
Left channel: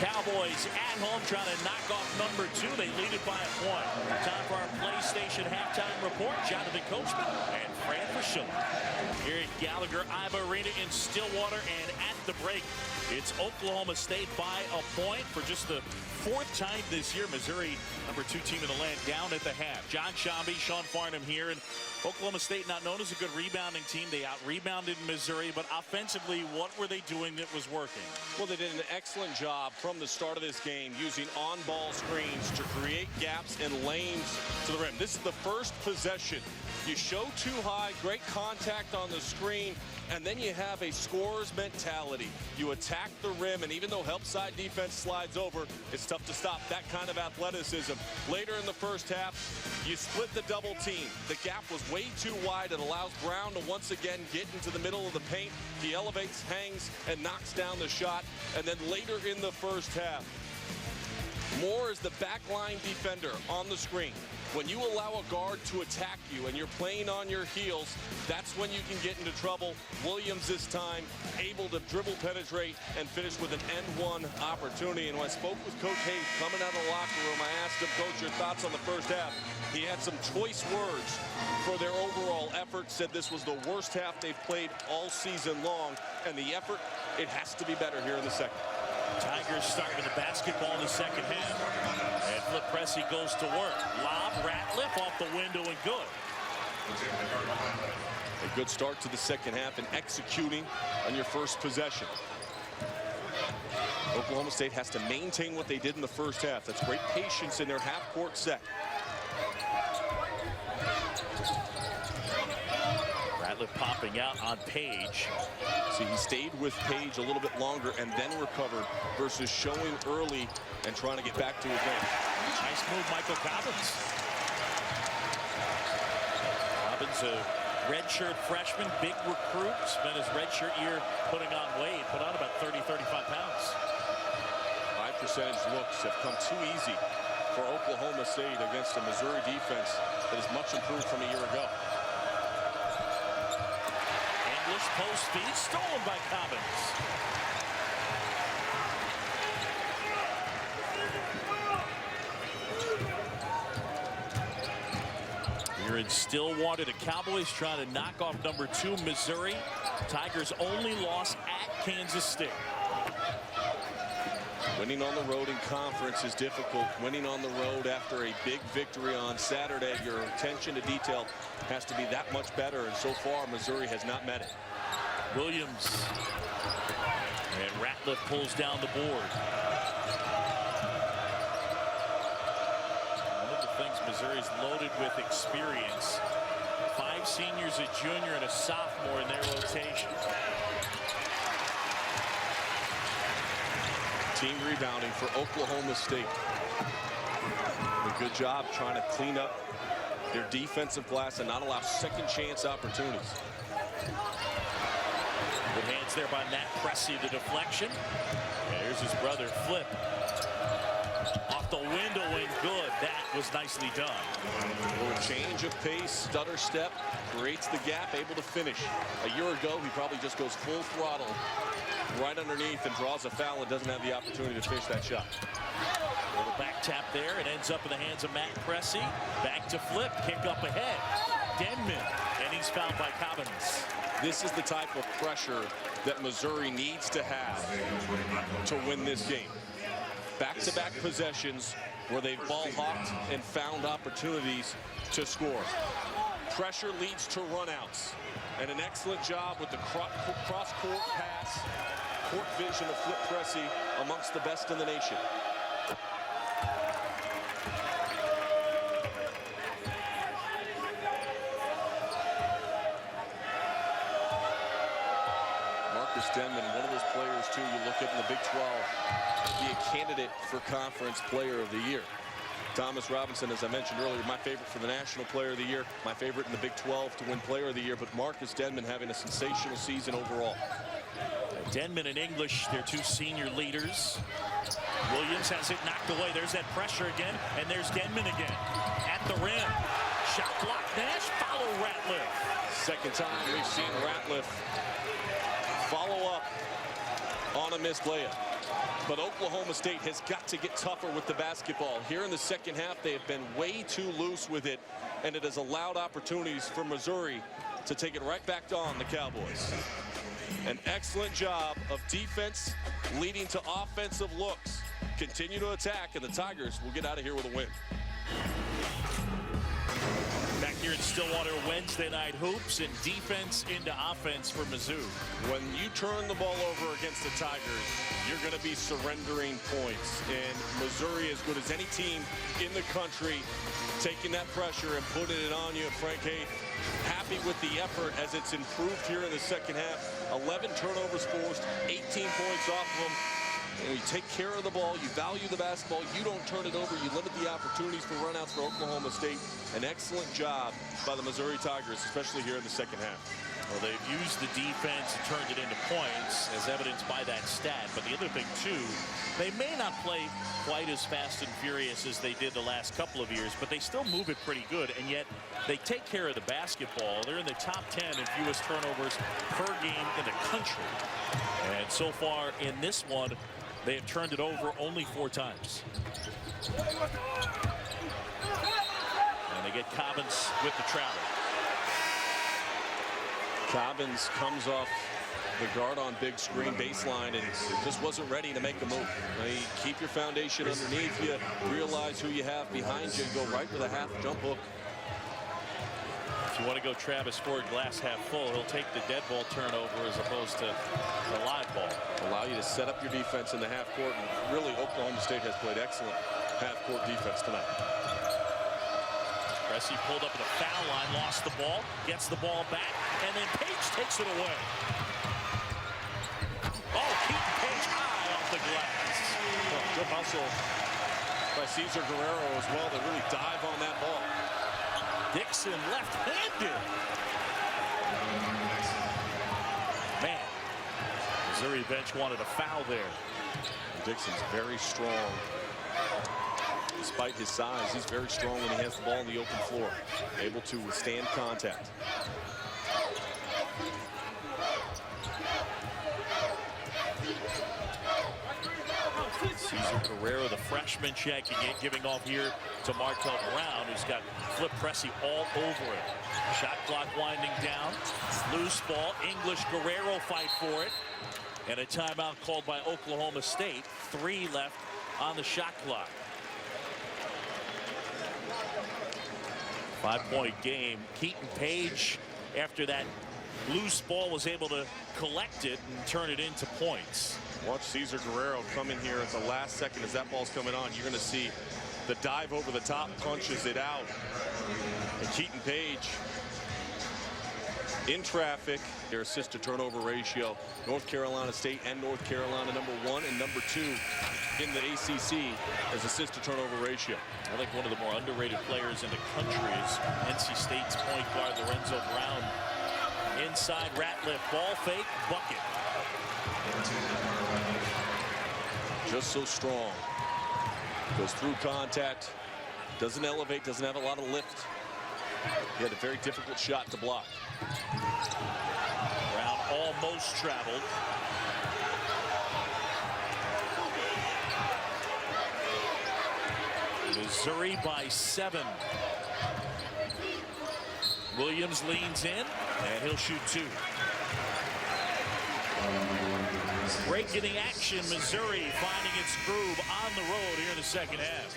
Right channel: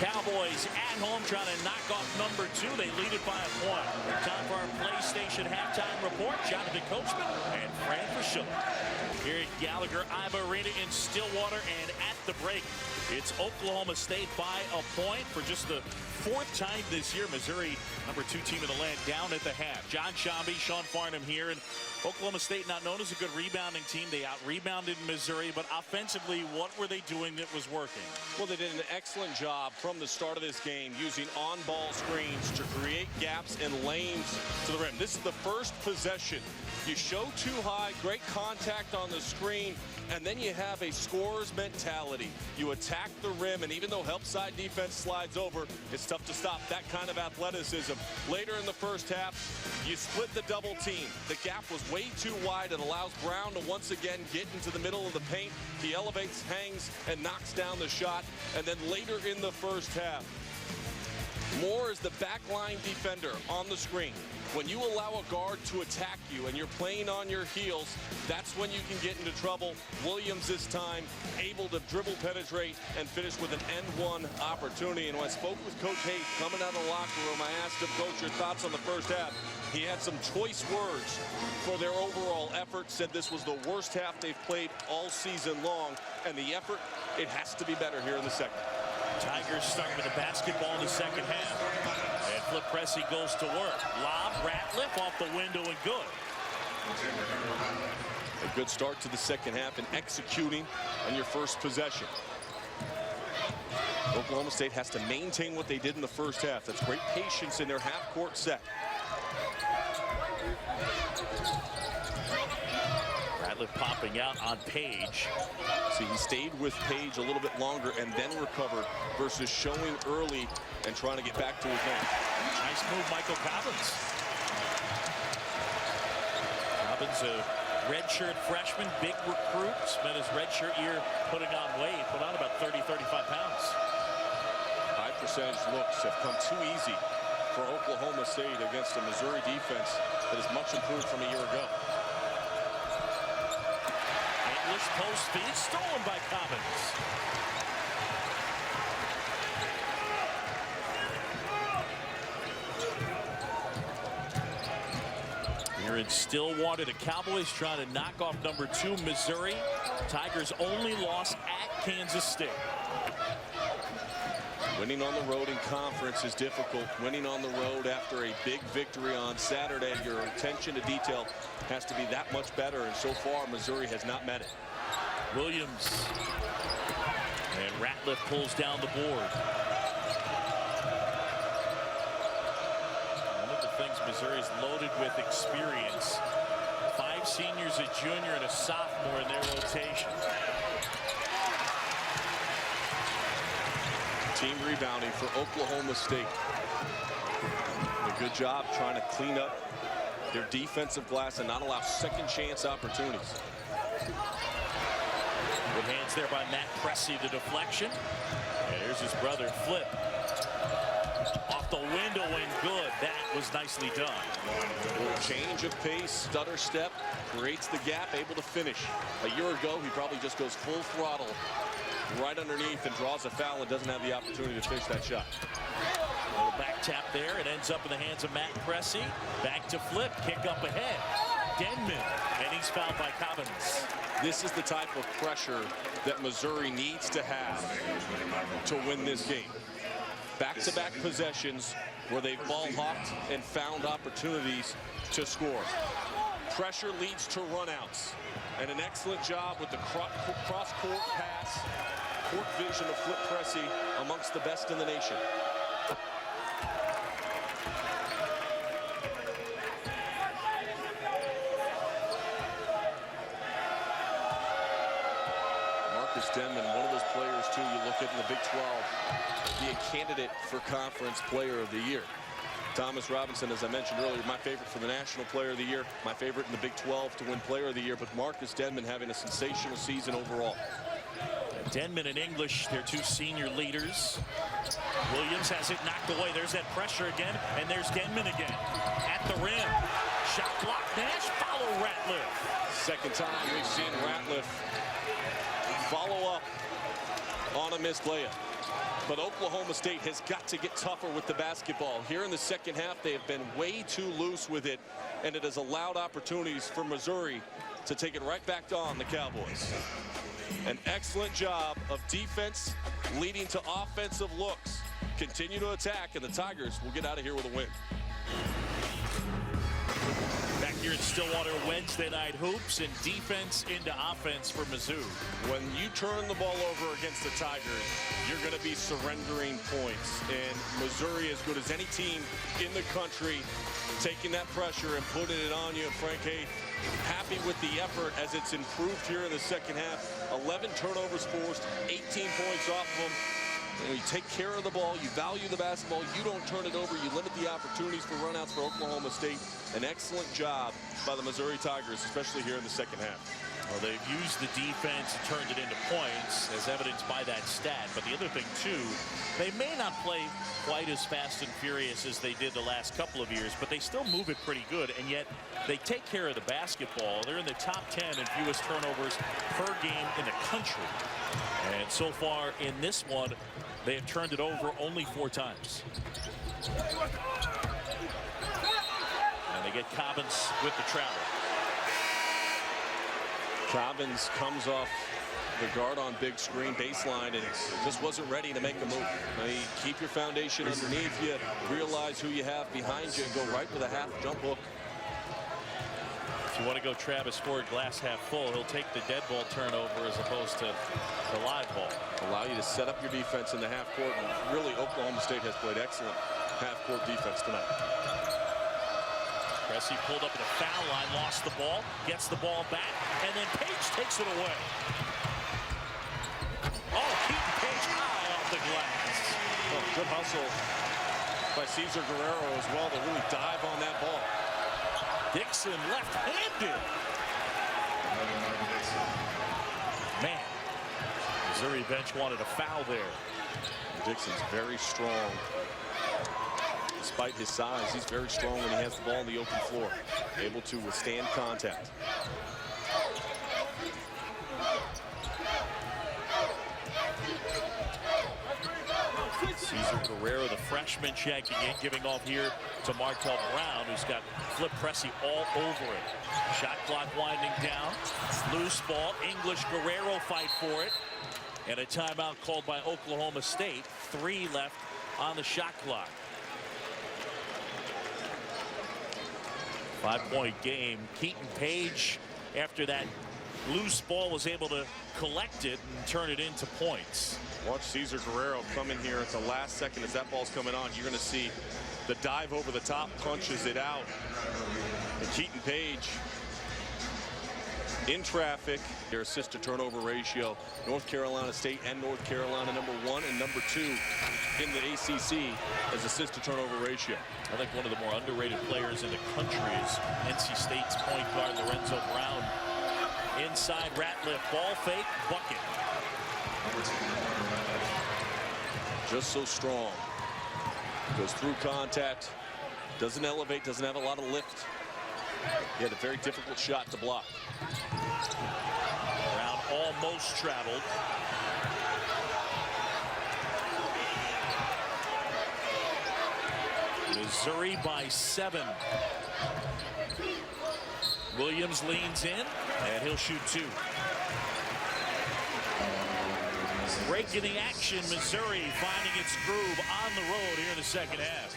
Cowboys at home trying to knock off number 2. They lead it by a point. Time for our PlayStation halftime report. Jonathan Coachman and Fran Fraschilla. Here at Gallagher-Iba Arena in Stillwater, and at the break, it's Oklahoma State by a point for just the 4th time this year. Missouri, number 2 team in the land, down at the half. John Shambi, Sean Farnham here, and Oklahoma State not known as a good rebounding team. They out-rebounded Missouri, but offensively, what were they doing that was working? Well, they did an excellent job from the start of this game using on-ball screens to create gaps and lanes to the rim. This is the first possession. You show too high, great contact on the screen, and then you have a scorer's mentality. You attack the rim, and even though help side defense slides over, it's tough to stop that kind of athleticism. Later in the first half, you split the double team. The gap was way too wide. It allows Brown to once again get into the middle of the paint. He elevates, hangs, and knocks down the shot. And then later in the first half, Moore is the backline defender on the screen. When you allow a guard to attack you and you're playing on your heels, that's when you can get into trouble. Williams this time able to dribble, penetrate, and finish with an end-one opportunity. And when I spoke with Coach Hayes coming out of the locker room, I asked him, Coach, your thoughts on the first half? He had some choice words for their overall effort, said this was the worst half they've played all season long, and the effort, it has to be better here in the second. Tigers start with the basketball in the second half. And Flip Pressey goes to work. Lob, Ratliff off the window, and good. A good start to the second half and executing on your first possession. Oklahoma State has to maintain what they did in the first half. That's great patience in their half-court set. Ratliff popping out on Page. See, he stayed with Page a little bit longer and then recovered versus showing early and trying to get back to his man. Nice move, Michael Cobbins. Cobbins, a redshirt freshman, big recruit, spent his redshirt year putting on weight, put on about 30, 35 pounds. High percentage looks have come too easy for Oklahoma State against a Missouri defense that is much improved from a year ago. English post feed, stolen by Cobbins. Here in Stillwater, the Cowboys trying to knock off number 2 Missouri. Tigers only loss at Kansas State. Winning on the road in conference is difficult. Winning on the road after a big victory on Saturday, your attention to detail has to be that much better, and so far Missouri has not met it. Williams. And Ratliff pulls down the board. One of the things Missouri's loaded with experience. 5 seniors, a junior, and a sophomore in their rotation. Team rebounding for Oklahoma State. A good job trying to clean up their defensive glass and not allow second chance opportunities. Good hands there by Matt Pressey, the deflection. And here's his brother, Flip. Off the window and good. That was nicely done. A little change of pace, stutter step, creates the gap, able to finish. A year ago, he probably just goes full throttle right underneath and draws a foul and doesn't have the opportunity to finish that shot. A little back tap there. It ends up in the hands of Matt Pressey. Back to Flip. Kick up ahead. Denman. And he's fouled by Cobbins. This is the type of pressure that Missouri needs to have to win this game. Back-to-back possessions where they've ball hawked and found opportunities to score. Pressure leads to runouts. And an excellent job with the cross-court pass, court vision of Flip Pressey, amongst the best in the nation. Marcus Denman, one of those players, too, you look at in the Big 12, be a candidate for Conference Player of the Year. Thomas Robinson, as I mentioned earlier, my favorite for the National Player of the Year, my favorite in the Big 12 to win Player of the Year, but Marcus Denman having a sensational season overall. Denman and English, their 2 senior leaders. Williams has it knocked away. There's that pressure again, and there's Denman again. At the rim. Shot block, Nash, follow Ratliff. Second time we've seen Ratliff follow up on a missed layup. But Oklahoma State has got to get tougher with the basketball. Here in the second half, they have been way too loose with it, and it has allowed opportunities for Missouri to take it right back on the Cowboys. An excellent job of defense leading to offensive looks. Continue to attack, and the Tigers will get out of here with a win. Back here in Stillwater, Wednesday night hoops and defense into offense for Mizzou. When you turn the ball over against the Tigers, you're going to be surrendering points. And Missouri, as good as any team in the country, taking that pressure and putting it on you. Frank Haith, happy with the effort as it's improved here in the second half. 11 turnovers forced, 18 points off of them. You take care of the ball, you value the basketball, you don't turn it over, you limit the opportunities for runouts for Oklahoma State. An excellent job by the Missouri Tigers, especially here in the second half. Well, they've used the defense and turned it into points, as evidenced by that stat. But the other thing, too, they may not play quite as fast and furious as they did the last couple of years, but they still move it pretty good, and yet they take care of the basketball. They're in the top 10 in fewest turnovers per game in the country. And so far in this one, they have turned it over only 4 times. And they get Cobbins with the travel. Cobbins comes off the guard on big screen baseline and just wasn't ready to make a move. Keep your foundation underneath you, realize who you have behind you, and go right with a half jump hook. If you want to go Travis Ford glass half full, he'll take the dead ball turnover as opposed to the live ball. Allow you to set up your defense in the half court, and really Oklahoma State has played excellent half court defense tonight. Pressey pulled up at the foul line, lost the ball, gets the ball back, and then Page takes it away. Oh, Keaton Page high off the glass. Oh, good hustle by Cesar Guerrero as well to really dive on that ball. Dixon left-handed. Man, Missouri bench wanted a foul there. Dixon's very strong. Despite his size, he's very strong when he has the ball on the open floor, able to withstand contact. Cesar Guerrero, the freshman, checking in, giving off here to Markel Brown, who's got Flip Pressey all over it. Shot clock winding down. Loose ball. English, Guerrero fight for it. And a timeout called by Oklahoma State. 3 left on the shot clock. 5-point game. Keaton Page, after that loose ball, was able to collect it and turn it into points. Watch Cesar Guerrero come in here at the last second as that ball's coming on. You're going to see the dive over the top, punches it out. And Keaton Page in traffic. Their assist to turnover ratio, North Carolina State and North Carolina #1 and #2 in the ACC as assist to turnover ratio. I think one of the more underrated players in the country is NC State's point guard Lorenzo Brown. Inside Ratliff, ball fake, bucket. Just so strong. Goes through contact, doesn't elevate, doesn't have a lot of lift. He had a very difficult shot to block. Brown almost traveled. Missouri by 7. Williams leans in, and he'll shoot 2. Break in the action, Missouri finding its groove on the road here in the second half.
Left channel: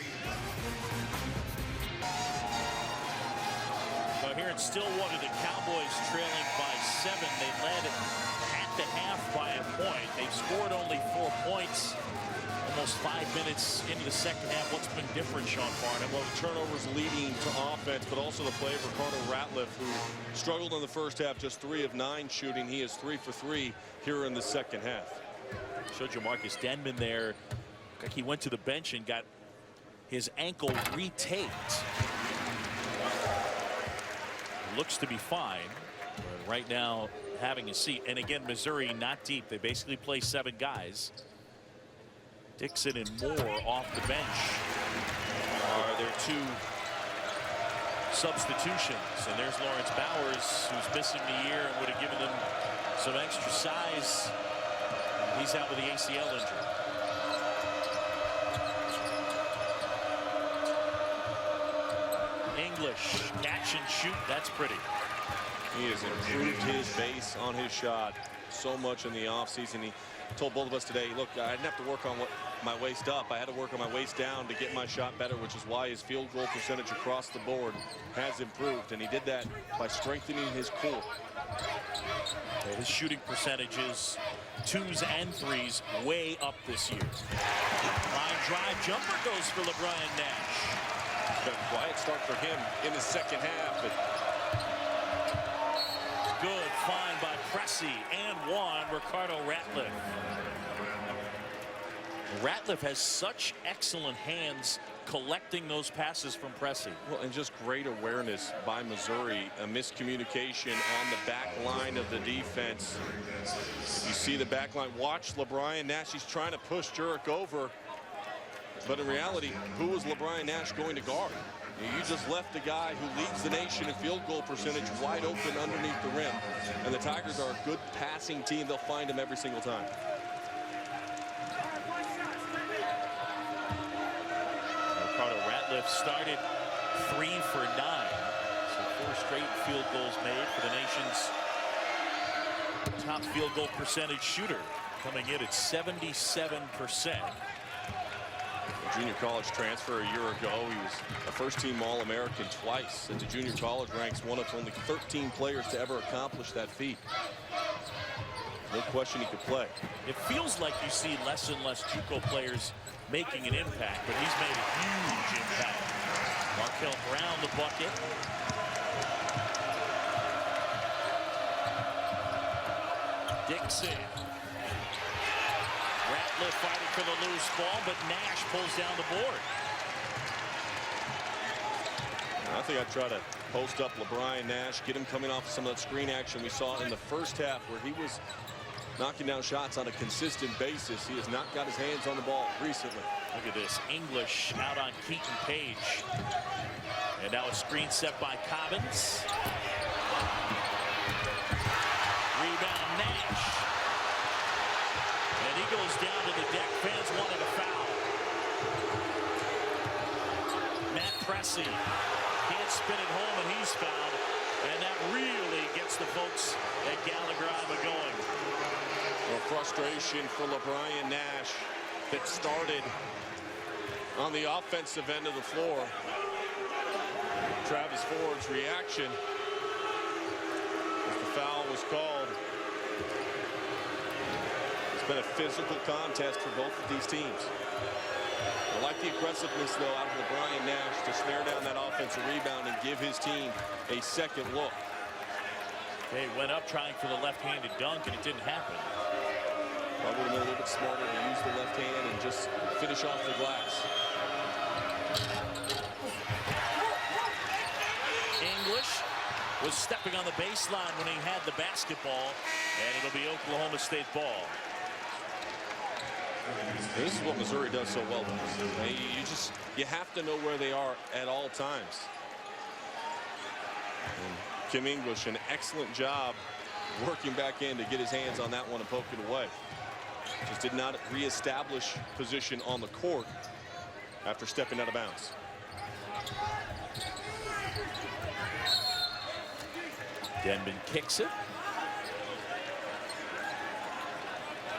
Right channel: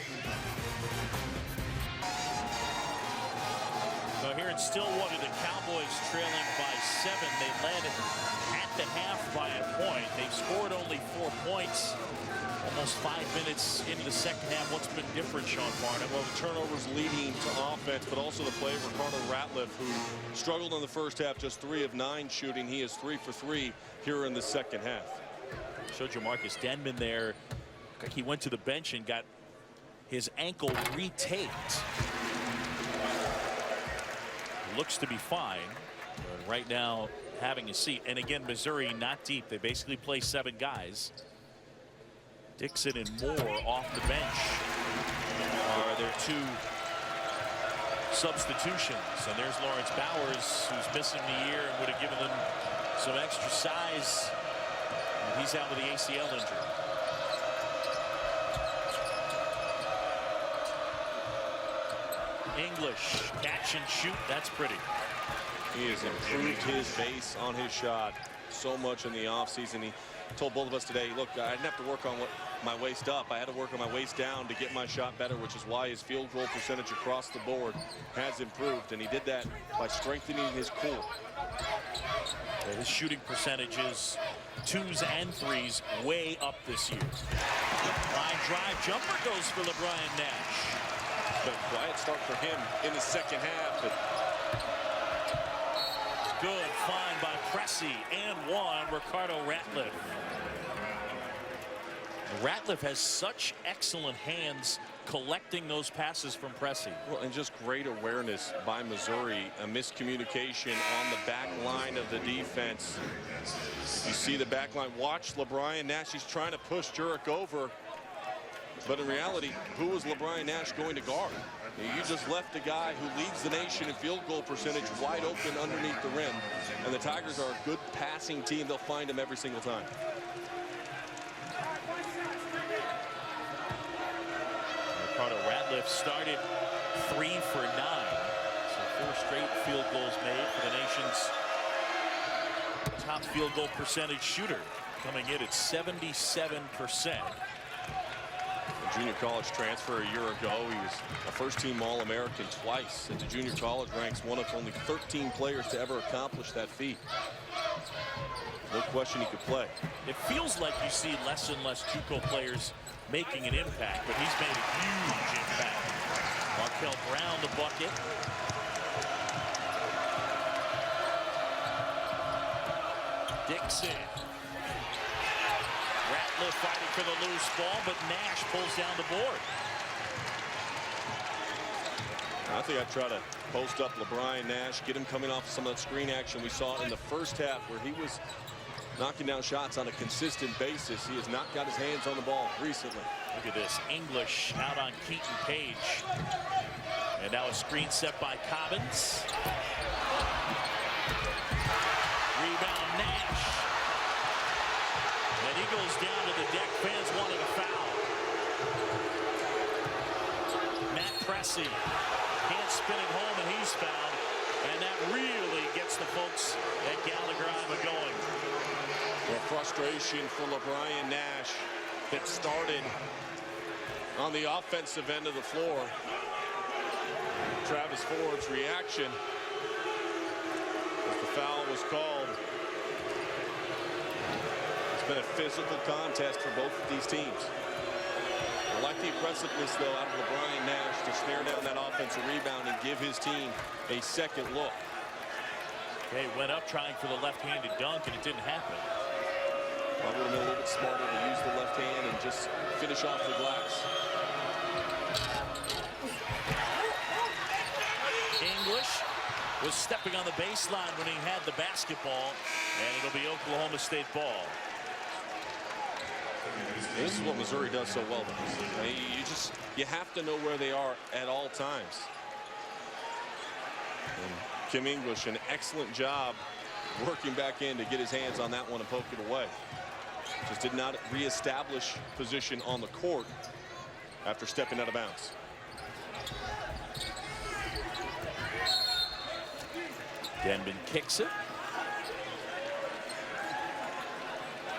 So here in Stillwater, the Cowboys trailing by 7. They led at the half by a point. They've scored only 4 points. Almost 5 minutes into the second half. What's been different, Sean Farnham? Well, the turnovers leading to offense, but also the play of Ricardo Ratliff, who struggled in the first half, just 3 of 9 shooting. He is 3 for 3 here in the second half. Showed you Marcus Denman there. Like he went to the bench and got his ankle retaped. Looks to be fine, but right now having a seat. And again, Missouri not deep. They basically play 7 guys. Dixon and Moore off the bench are their 2 substitutions. And there's Lawrence Bowers, who's missing the year and would have given them some extra size. And he's out with the ACL injury. English, catch and shoot. That's pretty. He has improved his base on his shot so much in the offseason. He told both of us today, look, I didn't have to work on my waist up. I had to work on my waist down to get my shot better, which is why his field goal percentage across the board has improved. And he did that by strengthening his core. Okay, his shooting percentages, 2s and 3s, way up this year. Line drive jumper goes for LeBron Nash. But quiet start for him in the second half. But good find by Pressey, and 1, Ricardo Ratliff. Ratliff has such excellent hands collecting those passes from Pressey. Well, and just great awareness by Missouri. A miscommunication on the back line of the defense. If you see the back line, watch LeBron Nash. He's trying to push Jurek over. But in reality, who was LeBron Nash going to guard? You just left a guy who leads the nation in field goal percentage wide open underneath the rim. And the Tigers are a good passing team. They'll find him every single time. Ricardo Ratliff started 3 for 9. So 4 straight field goals made for the nation's top field goal percentage shooter, coming in at 77%. A junior college transfer a year ago. He was a first-team All-American twice. At the junior college ranks, one of only 13 players to ever accomplish that feat. No question he could play. It feels like you see less and less JUCO players making an impact, but he's made a huge impact. Markel Brown the bucket. Dixon. Ratliff fighting for the loose ball, but Nash pulls down the board. I think I'd try to post up LeBron Nash, get him coming off some of that screen action we saw in the first half, where he was knocking down shots on a consistent basis. He has not got his hands on the ball recently. Look at this. English out on Keaton Page. And now a screen set by Cobbins. Rebound Nash. And he goes down to the deck. Fans wanted a foul. Matt Pressey can't spin it home, and he's fouled. And that really gets the folks at Gallagher-Iba going. Well, frustration for LeBron Nash that started on the offensive end of the floor. Travis Ford's reaction. as the foul was called. It's been a physical contest for both of these teams. I like the aggressiveness, though, out of LeBron Nash to snare down that offensive rebound and give his team a second look. He went up trying for the left-handed dunk, and it didn't happen. Probably would have been a little bit smarter to use the left hand and just finish off the glass. English was stepping on the baseline when he had the basketball, and it'll be Oklahoma State ball. This is what Missouri does so well. You have to know where they are at all times. And Kim English, an excellent job working back in to get his hands on that one and poke it away. Just did not reestablish position on the court after stepping out of bounds. Denman kicks it.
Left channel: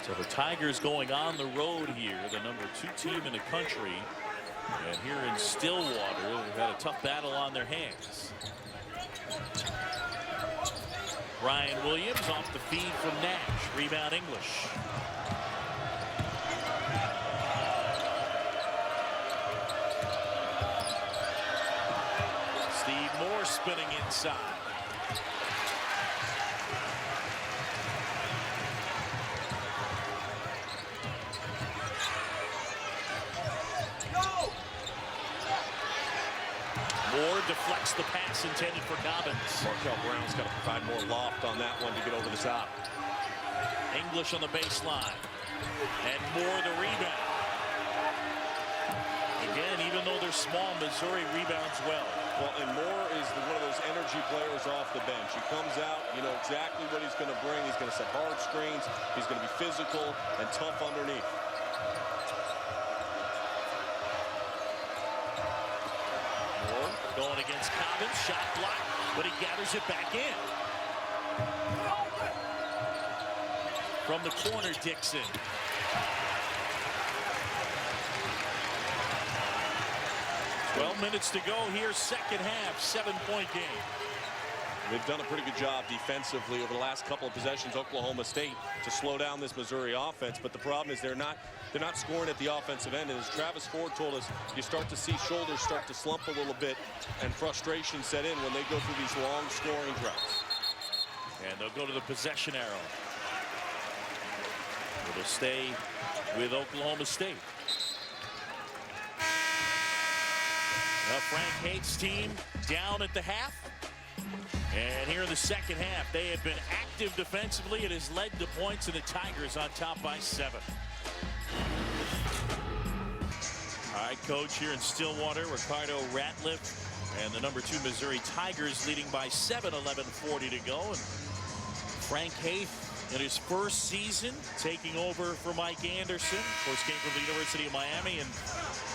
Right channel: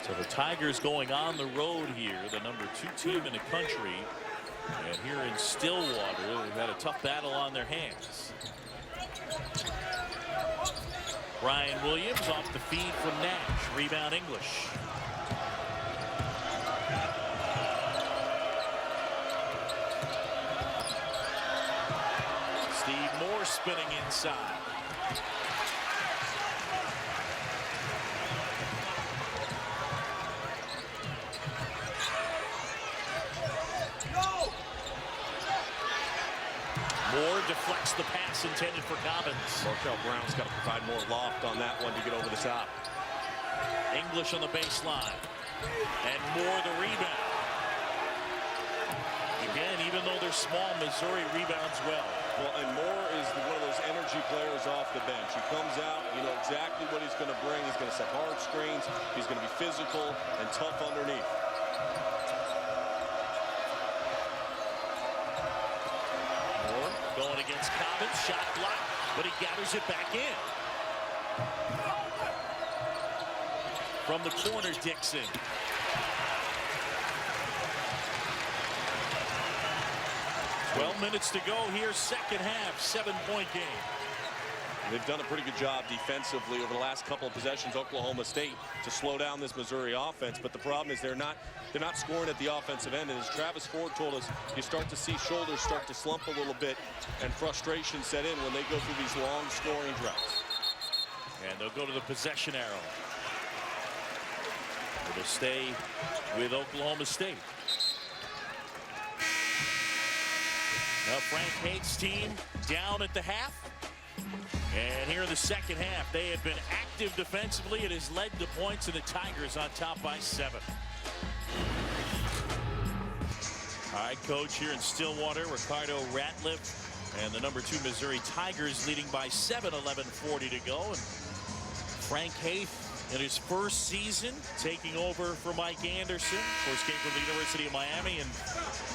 So the Tigers going on the road here, the #2 team in the country. And here in Stillwater, they've had a tough battle on their hands. Brian Williams off the feed from Nash. Rebound English. Steve Moore spinning inside. Moore deflects the pass intended for Cobbins. Markel Brown's got to provide more loft on that one to get over the top. English on the baseline. And Moore the rebound. Again, even though they're small, Missouri rebounds well. Well, and Moore is one of those energy players off the bench. He comes out, you know exactly what he's going to bring. He's going to set hard screens. He's going to be physical and tough underneath. Moore going against Cobbins. Shot blocked, but he gathers it back in. From the corner, Dixon. Well, minutes to go here, second half, 7-point game. They've done a pretty good job defensively over the last couple of possessions, Oklahoma State, to slow down this Missouri offense. But the problem is they're not scoring at the offensive end. And as Travis Ford told us, you start to see shoulders start to slump a little bit and frustration set in when they go through these long scoring droughts. And they'll go to the possession arrow. It'll stay with Oklahoma State. Now Frank Haith's team down at the half. And here in the second half, they have been active defensively. It has led to points, and the Tigers on top by 7. All right, coach, here in Stillwater, Ricardo Ratliff and the #2 Missouri Tigers leading by 7, 11:40 to go. And Frank Haith in his first season taking over for Mike Anderson. Of course, came from the University of Miami, and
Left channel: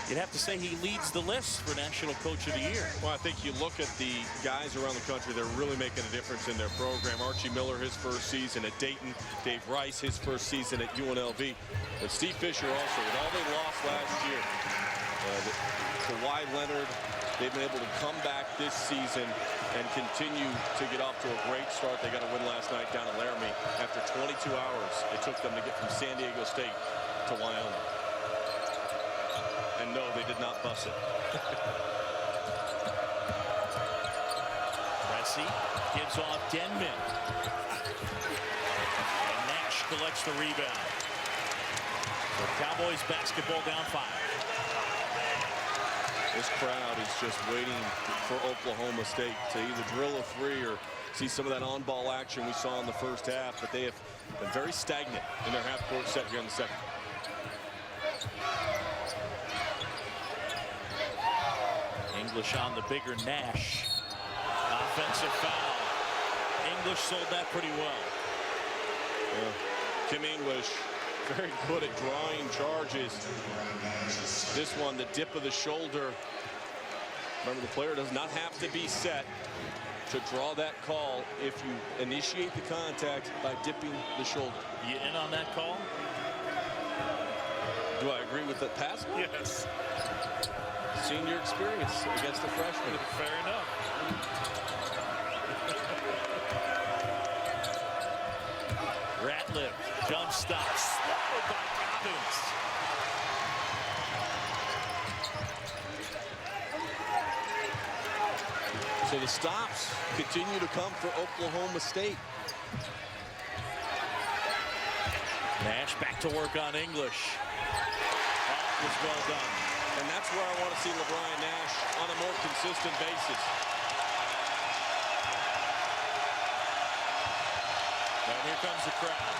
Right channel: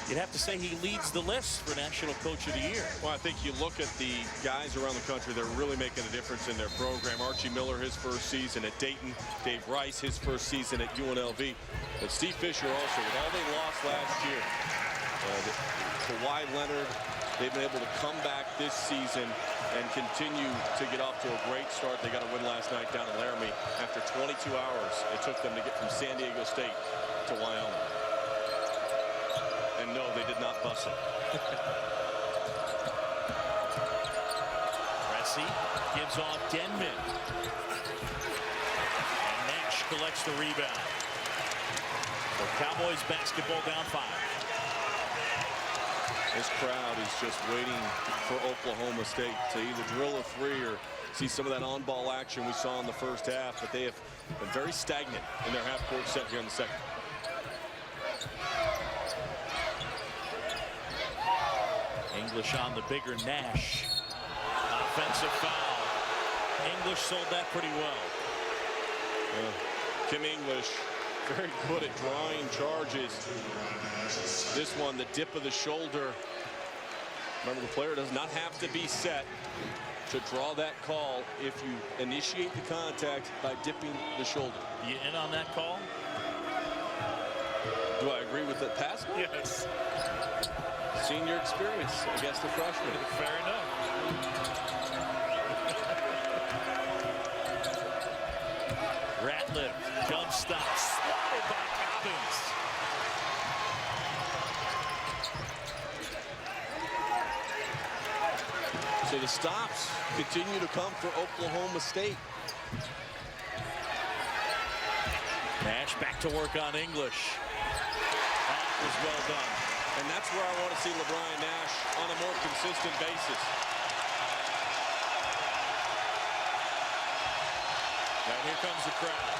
you'd have to say he leads the list for National Coach of the Year. Well, I think you look at the guys around the country, they're really making a difference in their program. Archie Miller, his first season at Dayton. Dave Rice, his first season at UNLV. But Steve Fisher also, with all they lost last year. Kawhi Leonard, they've been able to come back this season and continue to get off to a great start. They got a win last night down in Laramie. After 22 hours, it took them to get from San Diego State to Wyoming. And no, they did not bus it. Pressey gives off Denman. And Nash collects the rebound. So Cowboys basketball down 5. This crowd is just waiting for Oklahoma State to either drill a 3 or see some of that on-ball action we saw in the first half. But they have been very stagnant in their half-court set here in the second. English on the bigger Nash. Offensive foul. English sold that pretty well. Kim English, very good at drawing charges. This one, the dip of the shoulder. Remember, the player does not have to be set to draw that call if you initiate the contact by dipping the shoulder. You in on that call? Do I agree with the pass call? Yes. Senior experience against a freshman. Fair enough. Ratliff, jump stop, swatted by Cobbins. So the stops continue to come for Oklahoma State. Nash back to work on English. That was well done. And that's where I want to see LeBron Nash on a more consistent basis. And here comes the crowd.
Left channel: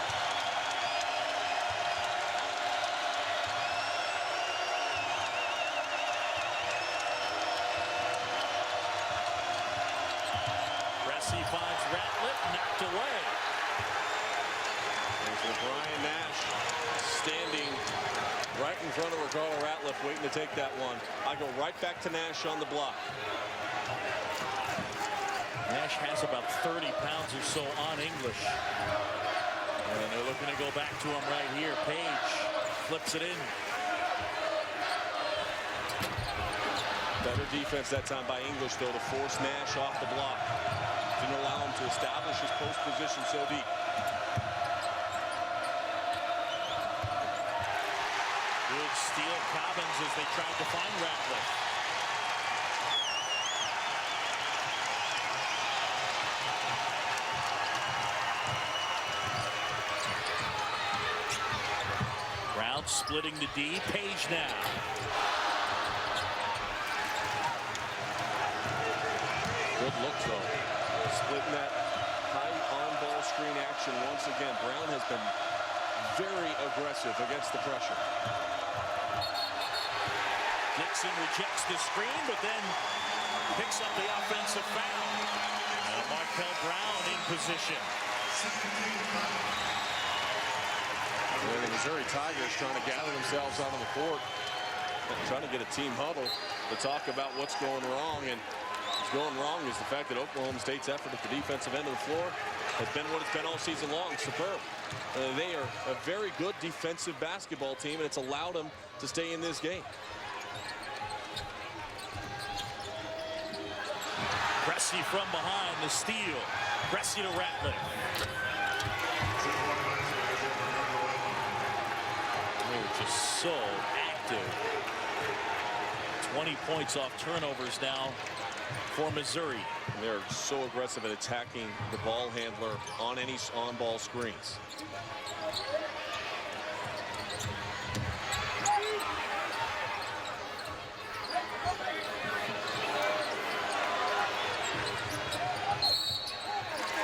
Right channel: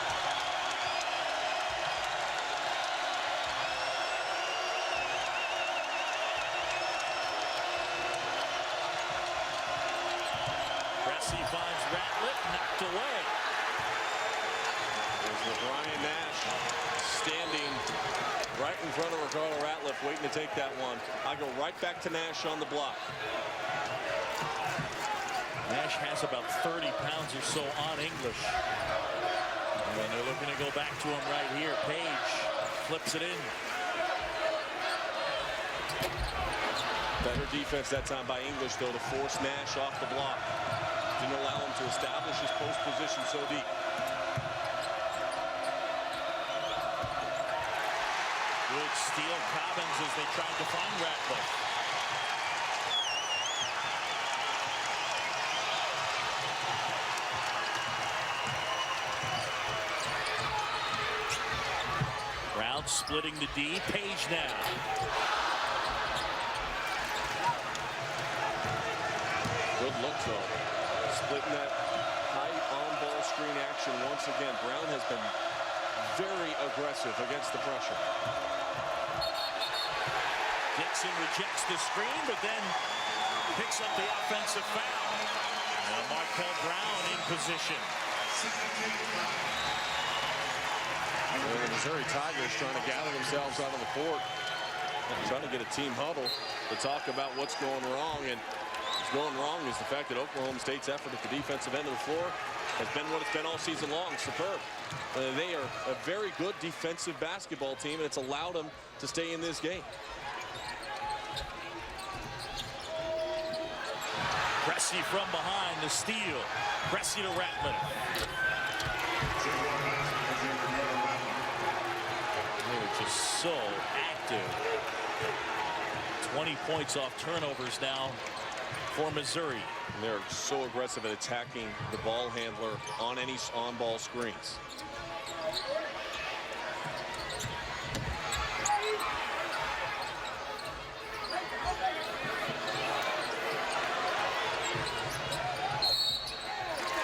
Cressy finds Ratliff, knocked away. There's LeBron Nash standing right in front of Ricardo Ratliff, waiting to take that one. I go right back to Nash on the block. Nash has about 30 pounds or so on English. And they're looking to go back to him right here. Page flips it in. Better defense that time by English, though, to force Nash off the block. Didn't allow him to establish his post position so deep. Good steal, Cobbins, as they tried to find Ratliff. Brown splitting the D. Page now. Good look, though. Splitting that high on-ball screen action once again. Brown has been very aggressive against the pressure. Dixon rejects the screen, but then picks up the offensive foul. And Markel Brown in position. And the Missouri Tigers trying to gather themselves out on the court, trying to get a team huddle to talk about what's going wrong. And what's going wrong is the fact that Oklahoma State's effort at the defensive end of the floor has been what it's been all season long. Superb. They are a very good defensive basketball team, and it's allowed them to stay in this game. Cressy from behind, the steal. Cressy to Ratliff. They're just so active. 20 points off turnovers now for Missouri. And they're so aggressive at attacking the ball handler on any on-ball screens.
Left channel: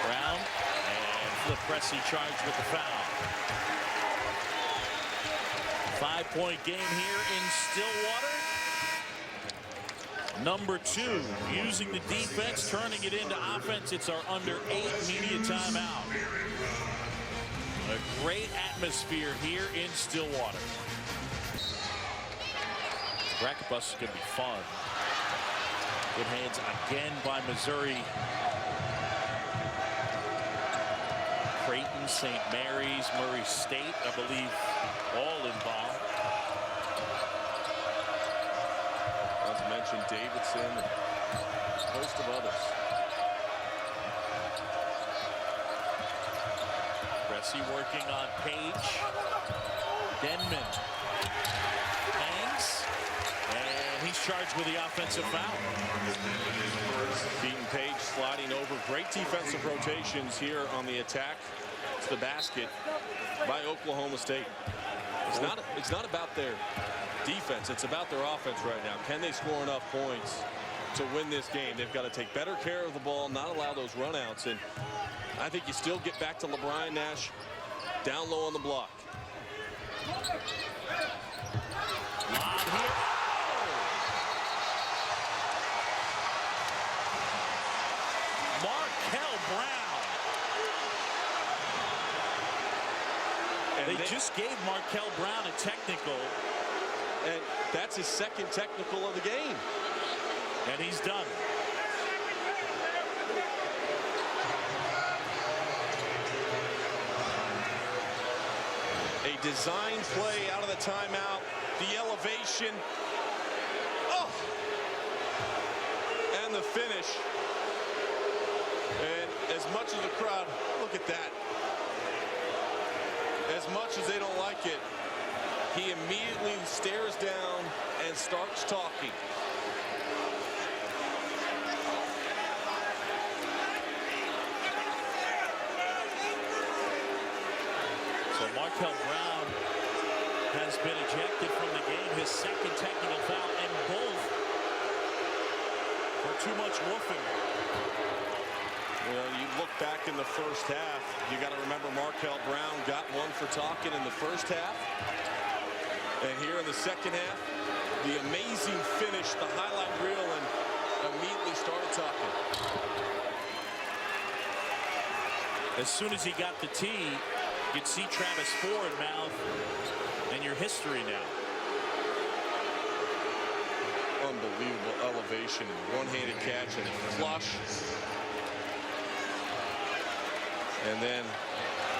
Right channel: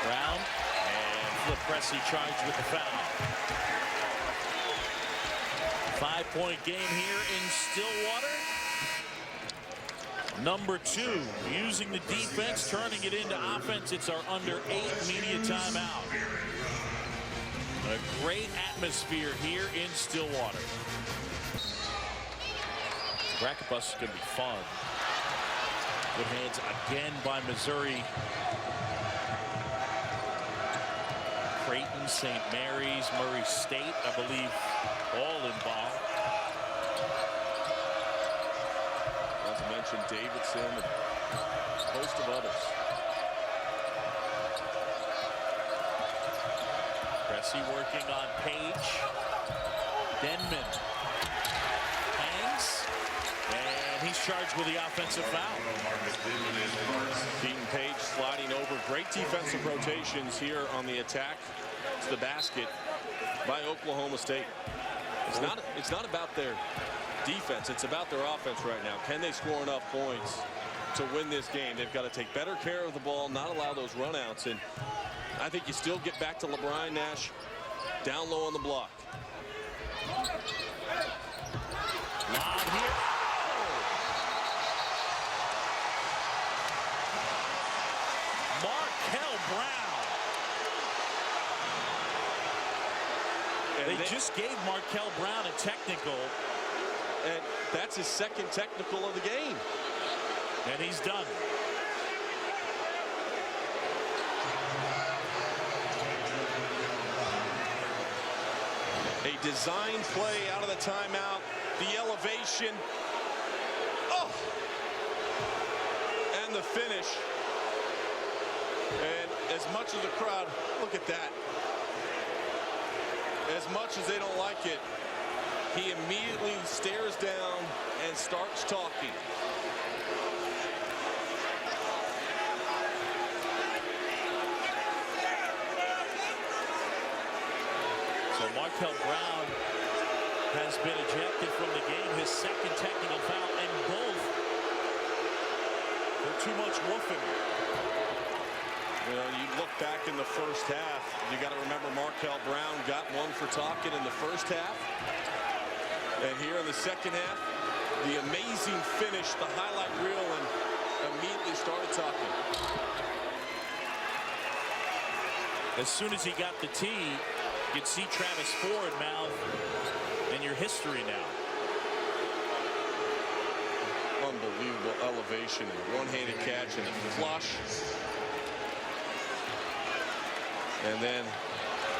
Brown and Flip Cressy charged with the foul. 5-point game here in Stillwater. Number 2, using the defense, turning it into offense. It's our under 8 media timeout. A great atmosphere here in Stillwater. Bracket bus is going to be fun. Good hands again by Missouri. Creighton, St. Mary's, Murray State, I believe, all involved. Not to mention Davidson and a host of others. Cressy working on Page. Denman hangs, and he's charged with the offensive foul. Keaton Page sliding over. Great defensive rotations here on the attack to the basket by Oklahoma State. It's not about their defense. It's about their offense right now. Can they score enough points to win this game? They've got to take better care of the ball, not allow those runouts. And I think you still get back to LeBron Nash down low on the block. Lob here. Markel Brown. And they just gave Markel Brown a technical. And that's his second technical of the game. And he's done. A design play out of the timeout. The elevation. Oh! And the finish. And as much as the crowd, look at that. as much as they don't like it, he immediately stares down and starts talking. So Markel Brown has been ejected from the game, his second technical foul, and both for too much woofing. You know, you look back in the first half, you got to remember Markel Brown got one for talking in the first half. And here in the second half, the amazing finish, the highlight reel, and immediately started talking. As soon as he got the tee, you could see Travis Ford mouth, and your history now. Unbelievable elevation and one-handed catch and a flush. And then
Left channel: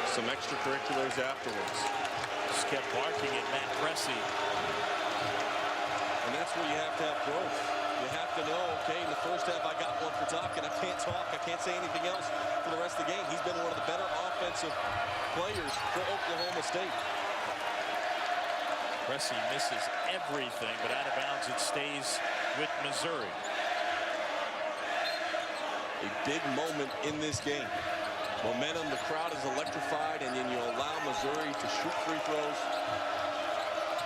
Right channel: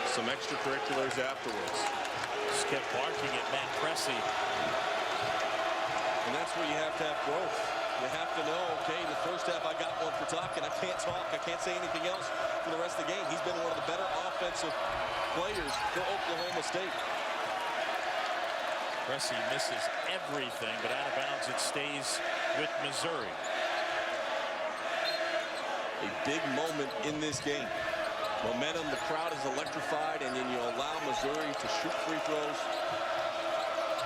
some extracurriculars afterwards. Just kept barking at Matt Cressy. And that's where you have to have growth. You have to know, okay, in the first half I got one for talking. I can't talk. I can't say anything else for the rest of the game. He's been one of the better offensive players for Oklahoma State. Cressy misses everything, but out of bounds it stays with Missouri. A big moment in this game. Momentum, the crowd is electrified, and then you allow Missouri to shoot free throws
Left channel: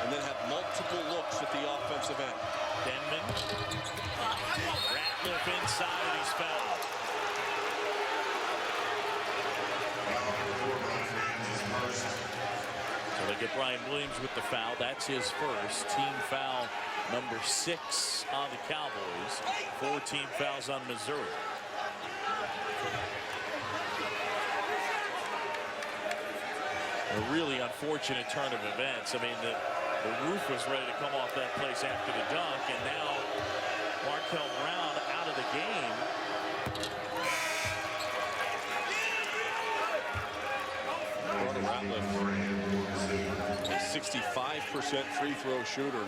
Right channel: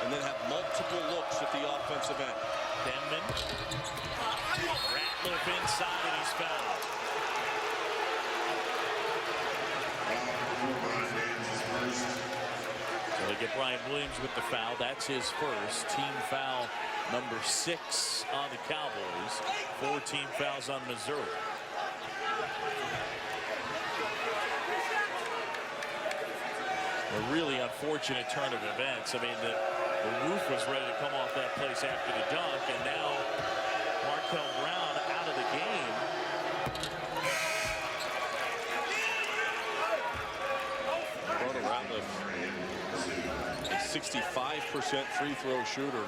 and then have multiple looks at the offensive end. Denman. Ratliff inside, and he's fouled. So they get Brian Williams with the foul. That's his first. Team foul number 6 on the Cowboys. 4 team fouls on Missouri. A really unfortunate turn of events. I mean, the roof was ready to come off that place after the dunk, and now Markel Brown out of the game. Broder Ratliff, a 65% free throw shooter,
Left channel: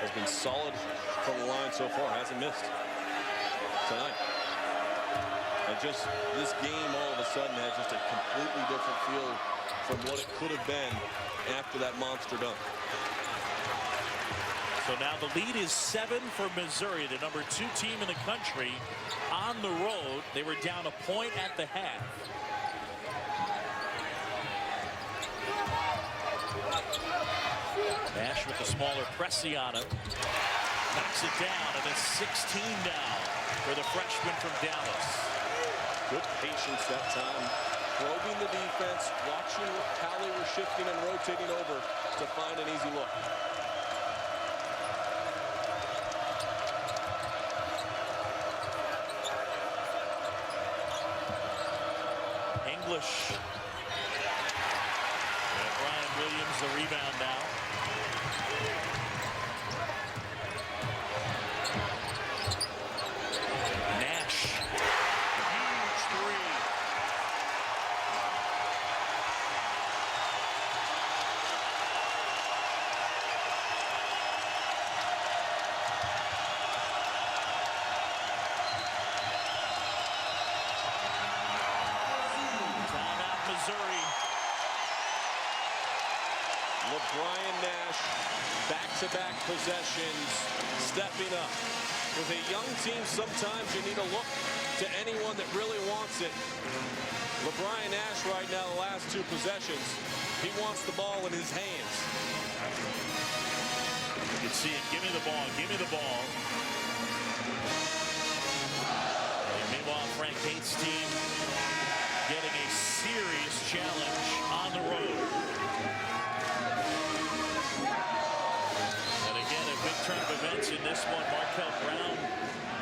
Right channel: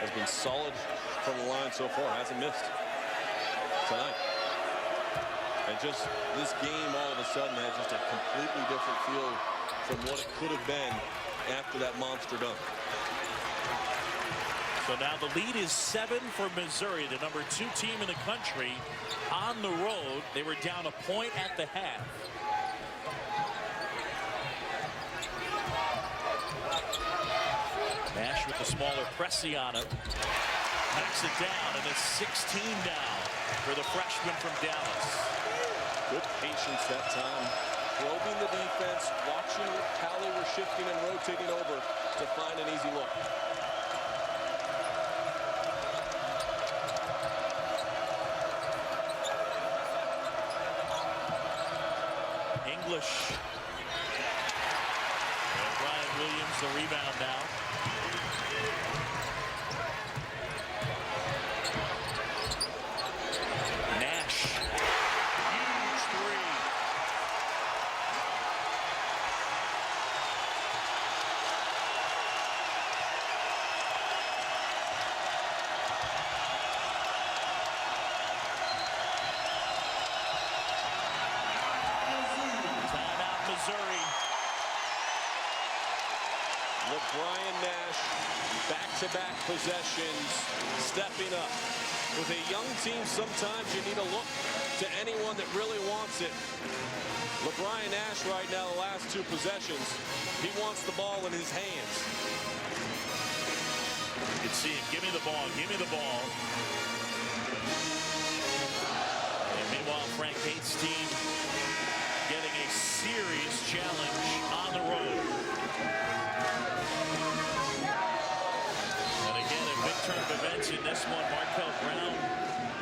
has been solid from the line so far. Hasn't missed tonight. And just this game all of a sudden has just a completely different feel from what it could have been after that monster dunk. So now the lead is 7 for Missouri, the number 2 team in the country, on the road. They were down a point at the half. Nash with the smaller Cressy on him. Knocks it down, and it's 16 down for the freshman from Dallas. Good patience that time. Probing the defense, watching how they were shifting and rotating over to find an easy look. English. And Brian Williams the rebound now. Nash. Huge three. Timeout, Missouri. LeBron Nash, back-to-back possessions, stepping up. With a young team, sometimes you need to look to anyone that really wants it. LeBron Nash right now, the last 2 possessions, he wants the ball in his hands. You can see it. Give me the ball. Give me the ball. And meanwhile, Frank Haith's team getting a serious challenge on the road. And again, a big turn of events in this one. Markel Brown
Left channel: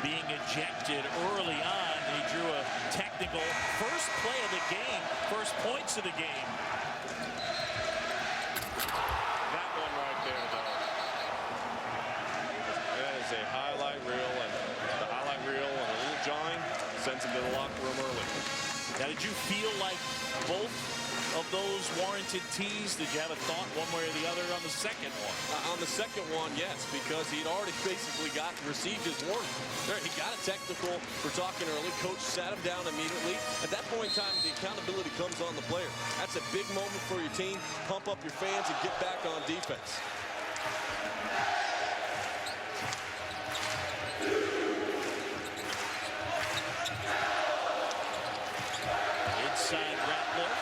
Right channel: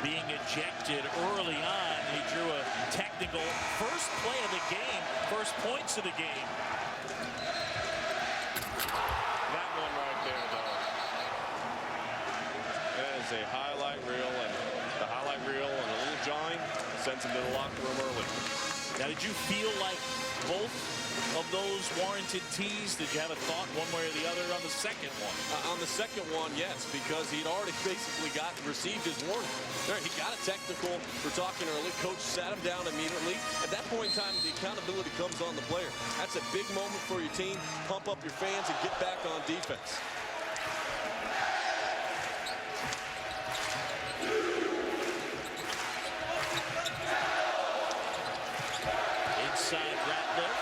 being ejected early on. He drew a technical. First play of the game. First points of the game. That one right there, though. That is a highlight reel, and the highlight reel and a little jawing sends him to the locker room early. Now, did you feel like both of those warranted tees? Did you have a thought one way or the other on the second one? On the second one, yes, because he'd already basically received his warning. There, he got a technical for talking early. Coach sat him down immediately. At that point in time, the accountability comes on the player. That's a big moment for your team. Pump up your fans and get back on defense. Inside Ratliff.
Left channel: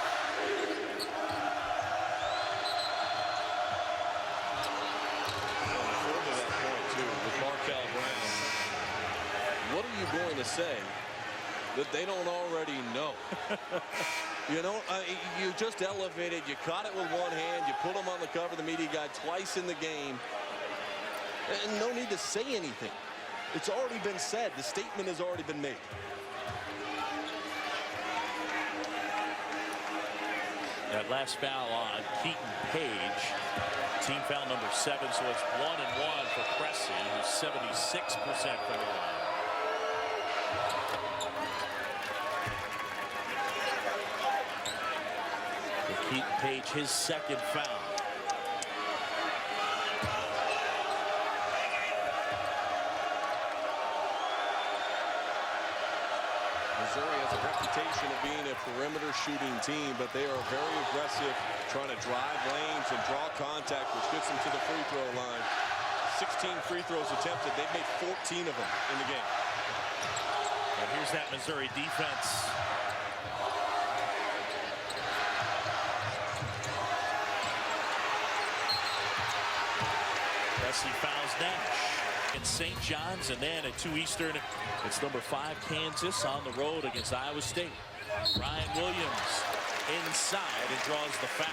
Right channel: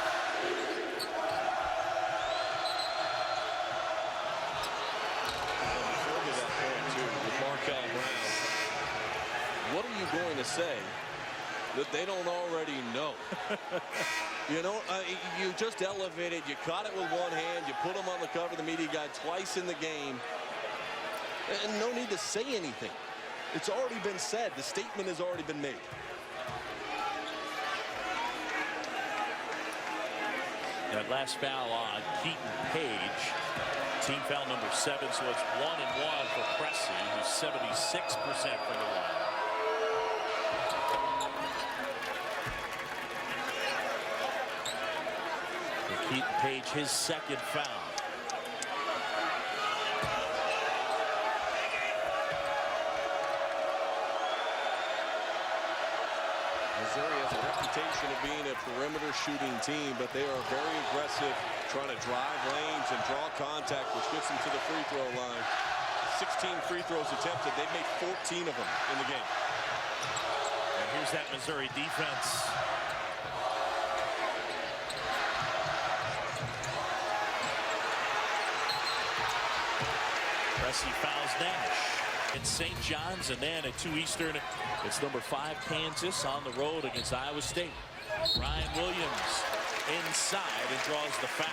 Further that point, too, with Markel Brown. What are you going to say that they don't already know? You know, you just elevated. You caught it with one hand. You put him on the cover of the media guide twice in the game. And no need to say anything. It's already been said. The statement has already been made. That last foul on Keaton Page. Team foul number 7, so it's 1-1 for Pressey, who's 76% from the line. For Keaton Page, his second foul. Missouri has a reputation of being a perimeter shooting team, but they are very aggressive, trying to drive lanes and draw contact, which gets them to the free throw line. 16 free throws attempted. They've made 14 of them in the game. And here's that Missouri defense. Pressey fouls Nash. It's St. John's, and then at 2 Eastern, it's number 5 Kansas on the road against Iowa State. Ryan Williams inside and draws the foul.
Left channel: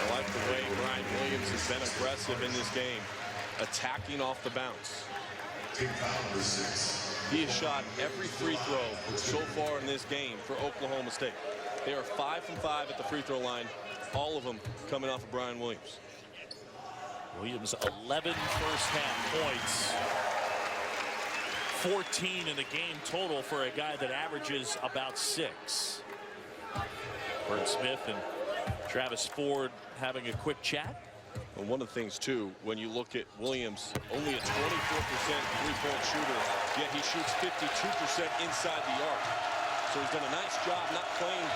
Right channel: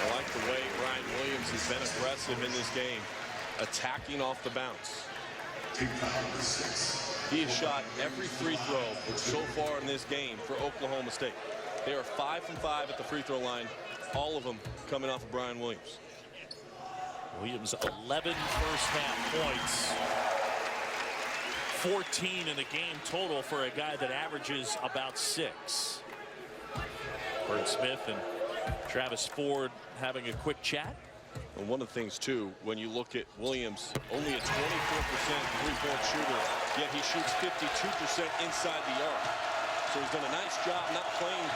I like the way Ryan Williams has been aggressive in this game, attacking off the bounce. He has shot every free throw so far in this game for Oklahoma State. They are 5 from 5 at the free throw line, all of them coming off of Brian Williams. Williams 11 first half points. 14 in the game total for a guy that averages about 6. Bert Smith and Travis Ford having a quick chat. And one of the things, too, when you look at Williams, only a 24% three-point shooter, yet he shoots 52% inside the arc. So he's done a nice job not playing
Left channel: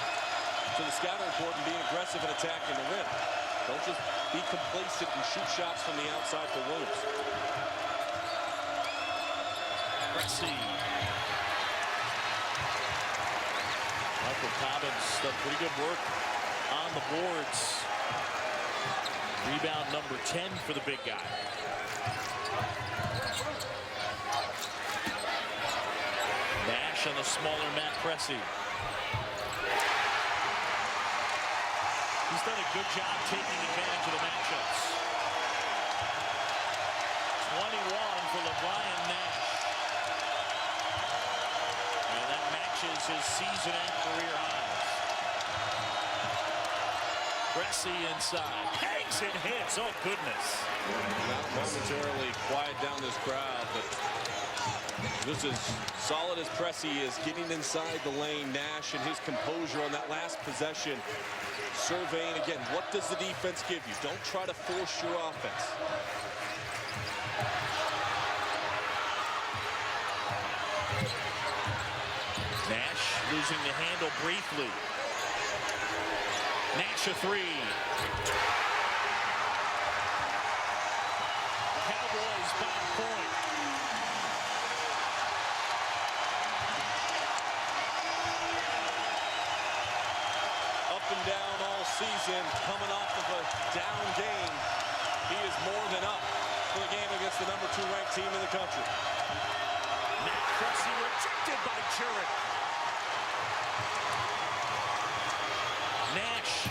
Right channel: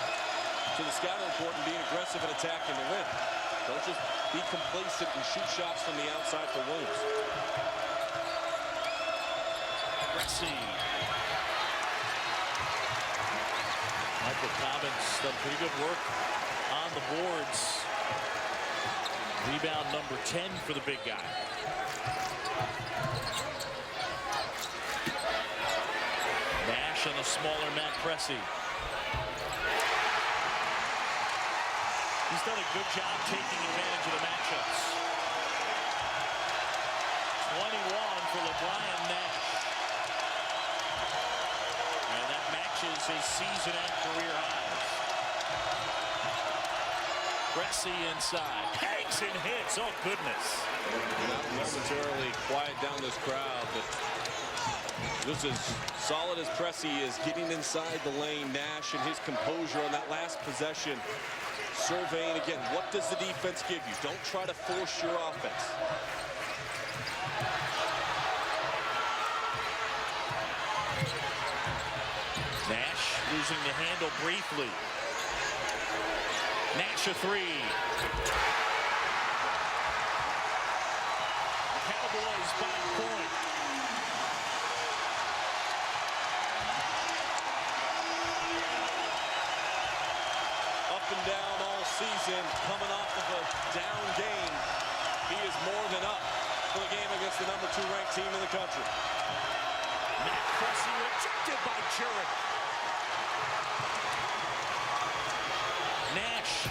to the scouting report and being aggressive and attacking the rim. Don't just be complacent and shoot shots from the outside for Williams. Pressey. Michael Cobbins done pretty good work on the boards. Rebound number 10 for the big guy. Nash on the smaller Matt Pressey. He's done a good job taking advantage of the matchups. 21 for LeBron Nash. And that matches his season and career highs. Pressey inside. Hangs and hits. Oh, goodness. That'll momentarily quiet down this crowd, but just as solid as Pressey is getting inside the lane, Nash and his composure on that last possession. Surveying again, what does the defense give you? Don't try to force your offense. Nash losing the handle briefly. Nash a 3. Cowboys by a point. Up and down all season, coming off of a down game. He is more than up for the game against the number 2 ranked team in the country. Matt Pressey rejected by Jurek. Nash.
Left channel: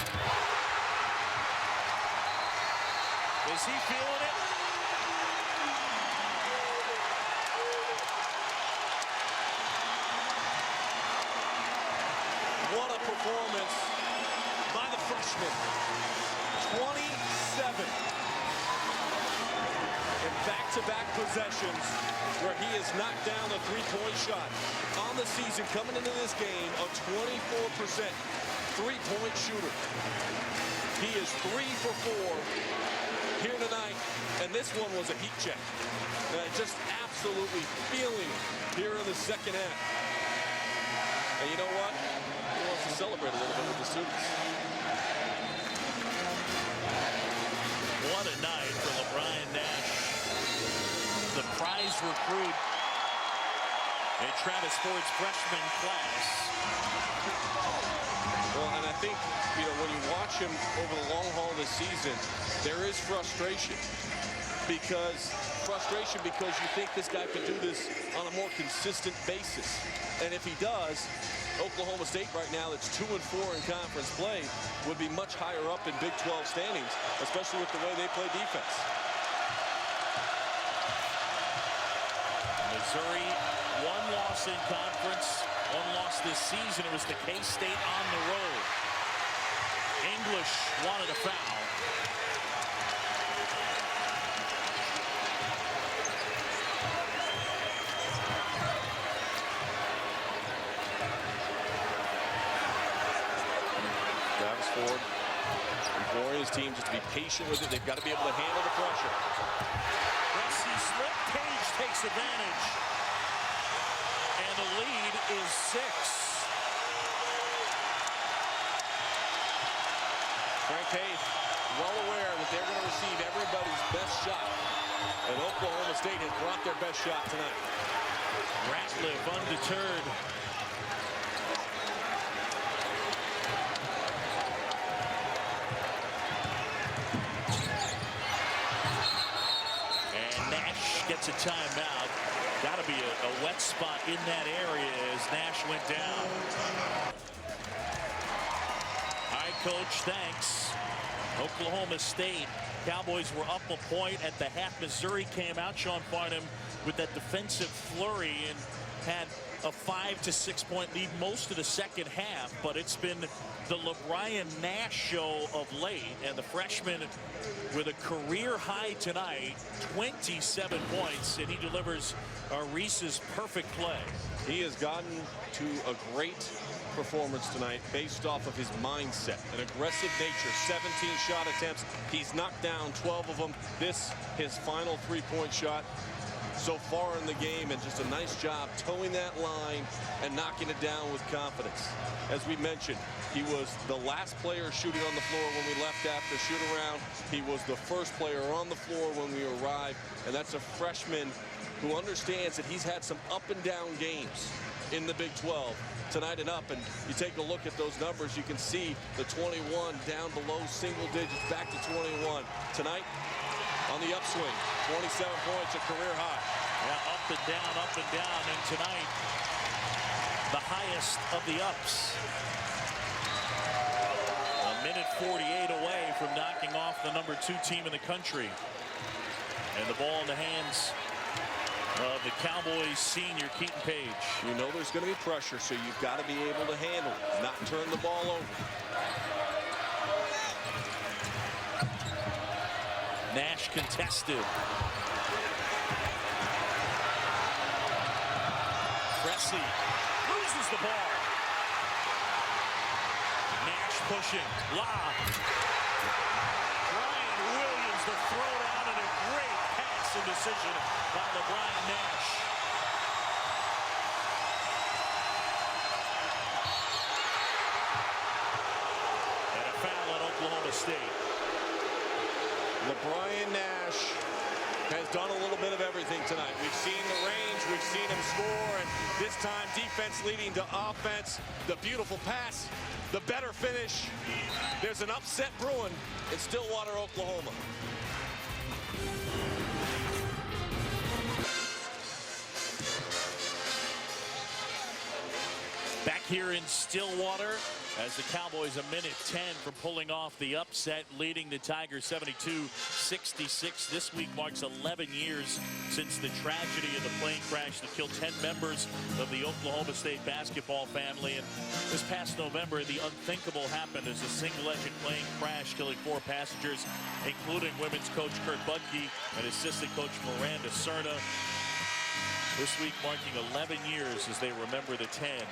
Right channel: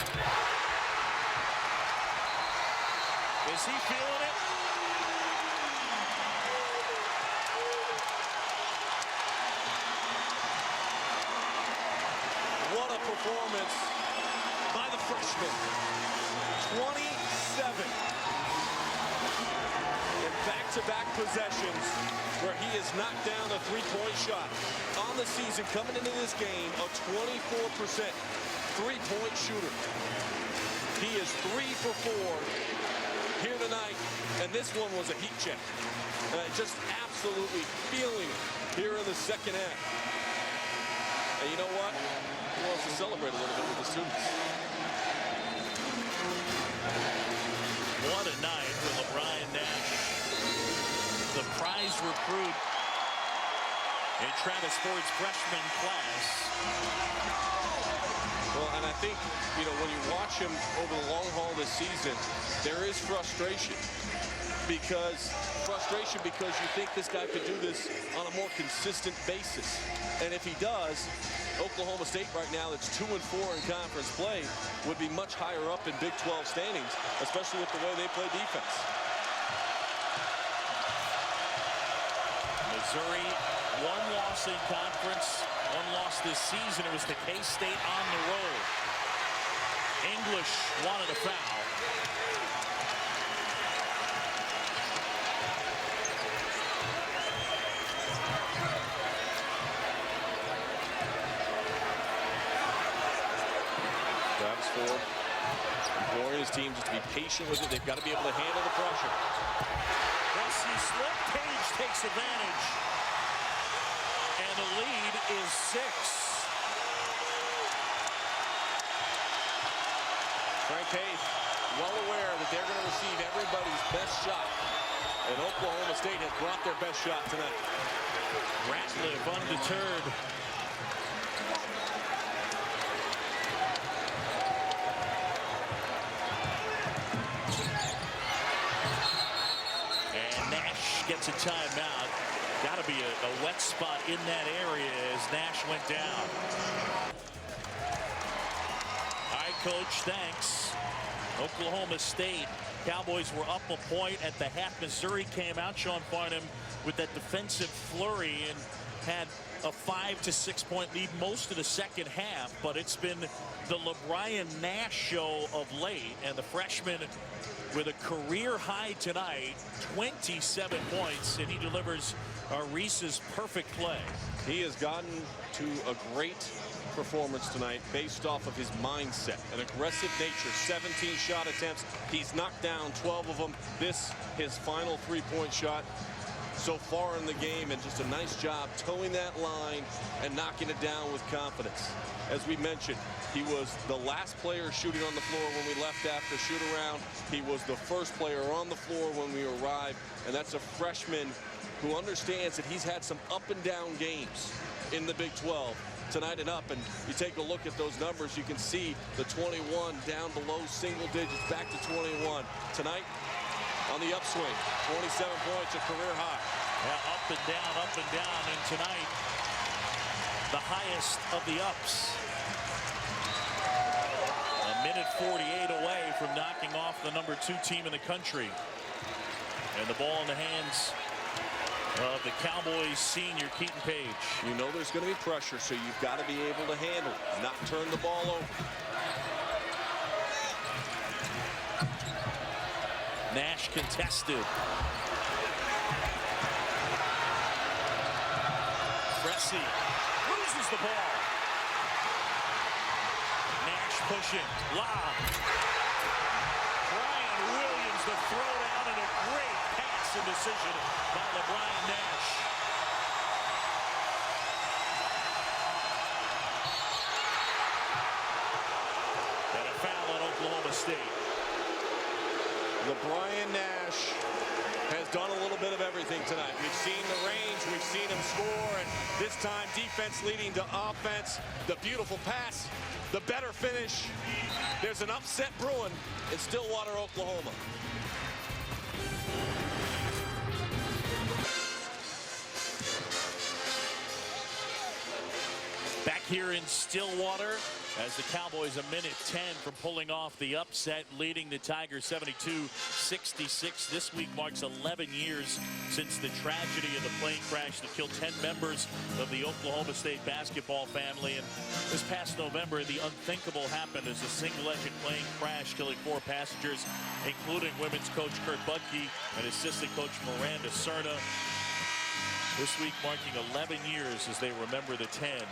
Is he feeling it? What a performance by the freshman. 27 in back-to-back possessions where he has knocked down a three-point shot. On the season, coming into this game, a 24% three-point shooter. He is 3 for 4 here tonight, and this one was a heat check. Just absolutely feeling it here in the second half. And you know what? He wants to celebrate a little bit with the students. What a night for LeBron Nash, the prize recruit in Travis Ford's freshman class. Well, and I think, you know, when you watch him over the long haul this season, there is frustration because you think this guy could do this on a more consistent basis. And if he does, Oklahoma State right now, that's 2-4 in conference play, would be much higher up in Big 12 standings, especially with the way they play defense. Missouri, one loss in conference, one loss this season. It was to K-State on the road. English wanted a foul. Travis Ford imploring his team just to be patient with it. They've got to be able to handle the pressure. Resi slip. Page takes advantage. And the lead is 6. Frank Haith well aware that they're going to receive everybody's best shot. And Oklahoma State has brought their best shot tonight. Ratliff undeterred. And Nash gets a timeout. Got to be a wet spot in that area as Nash went down. All right, Coach, thanks. Oklahoma State Cowboys were up a point at the half. Missouri came out. Sean Farnham with that defensive flurry and had a 5 to 6 point lead most of the second half. But it's been the LeBron Nash show of late, and the freshman with a career high tonight, 27 points, and he delivers Reese's perfect play. He has gotten to a great performance tonight based off of his mindset, an aggressive nature. 17 shot attempts. He's knocked down 12 of them. This, his final three-point shot so far in the game, and just a nice job towing that line and knocking it down with confidence. As we mentioned, he was the last player shooting on the floor when we left after shoot-around. He was the first player on the floor when we arrived, and that's a freshman who understands that he's had some up and down games in the Big 12 tonight and up. And you take a look at those numbers, you can see the 21 down below single digits, back to 21. Tonight on the upswing, 27 points, a career high. Yeah, up and down, and tonight the highest of the ups. A minute 48 away from knocking off the #2 team in the country. And the ball in the hands of the Cowboys senior Keaton Page. You know there's going to be pressure, so you've got to be able to handle it, not turn the ball over. Nash contested. Resi loses the ball. Nash pushing. Lob. Brian Williams, the throwdown, and a great pass and decision by LeBron Nash. And a foul at Oklahoma State. LeBron Nash has done a little bit of everything tonight. We've seen the range, we've seen him score, and this time defense leading to offense. The beautiful pass, the better finish. There's an upset brewing in Stillwater, Oklahoma. Back here in Stillwater, as the Cowboys a minute 10 from pulling off the upset, leading the Tigers 72-66. This week marks 11 years since the tragedy of the plane crash that killed 10 members of the Oklahoma State basketball family. And this past November, the unthinkable happened as a single-engine plane crash, killing 4 passengers, including women's coach Kurt Budke and assistant coach Miranda Cerna. This week marking 11 years as they remember the 10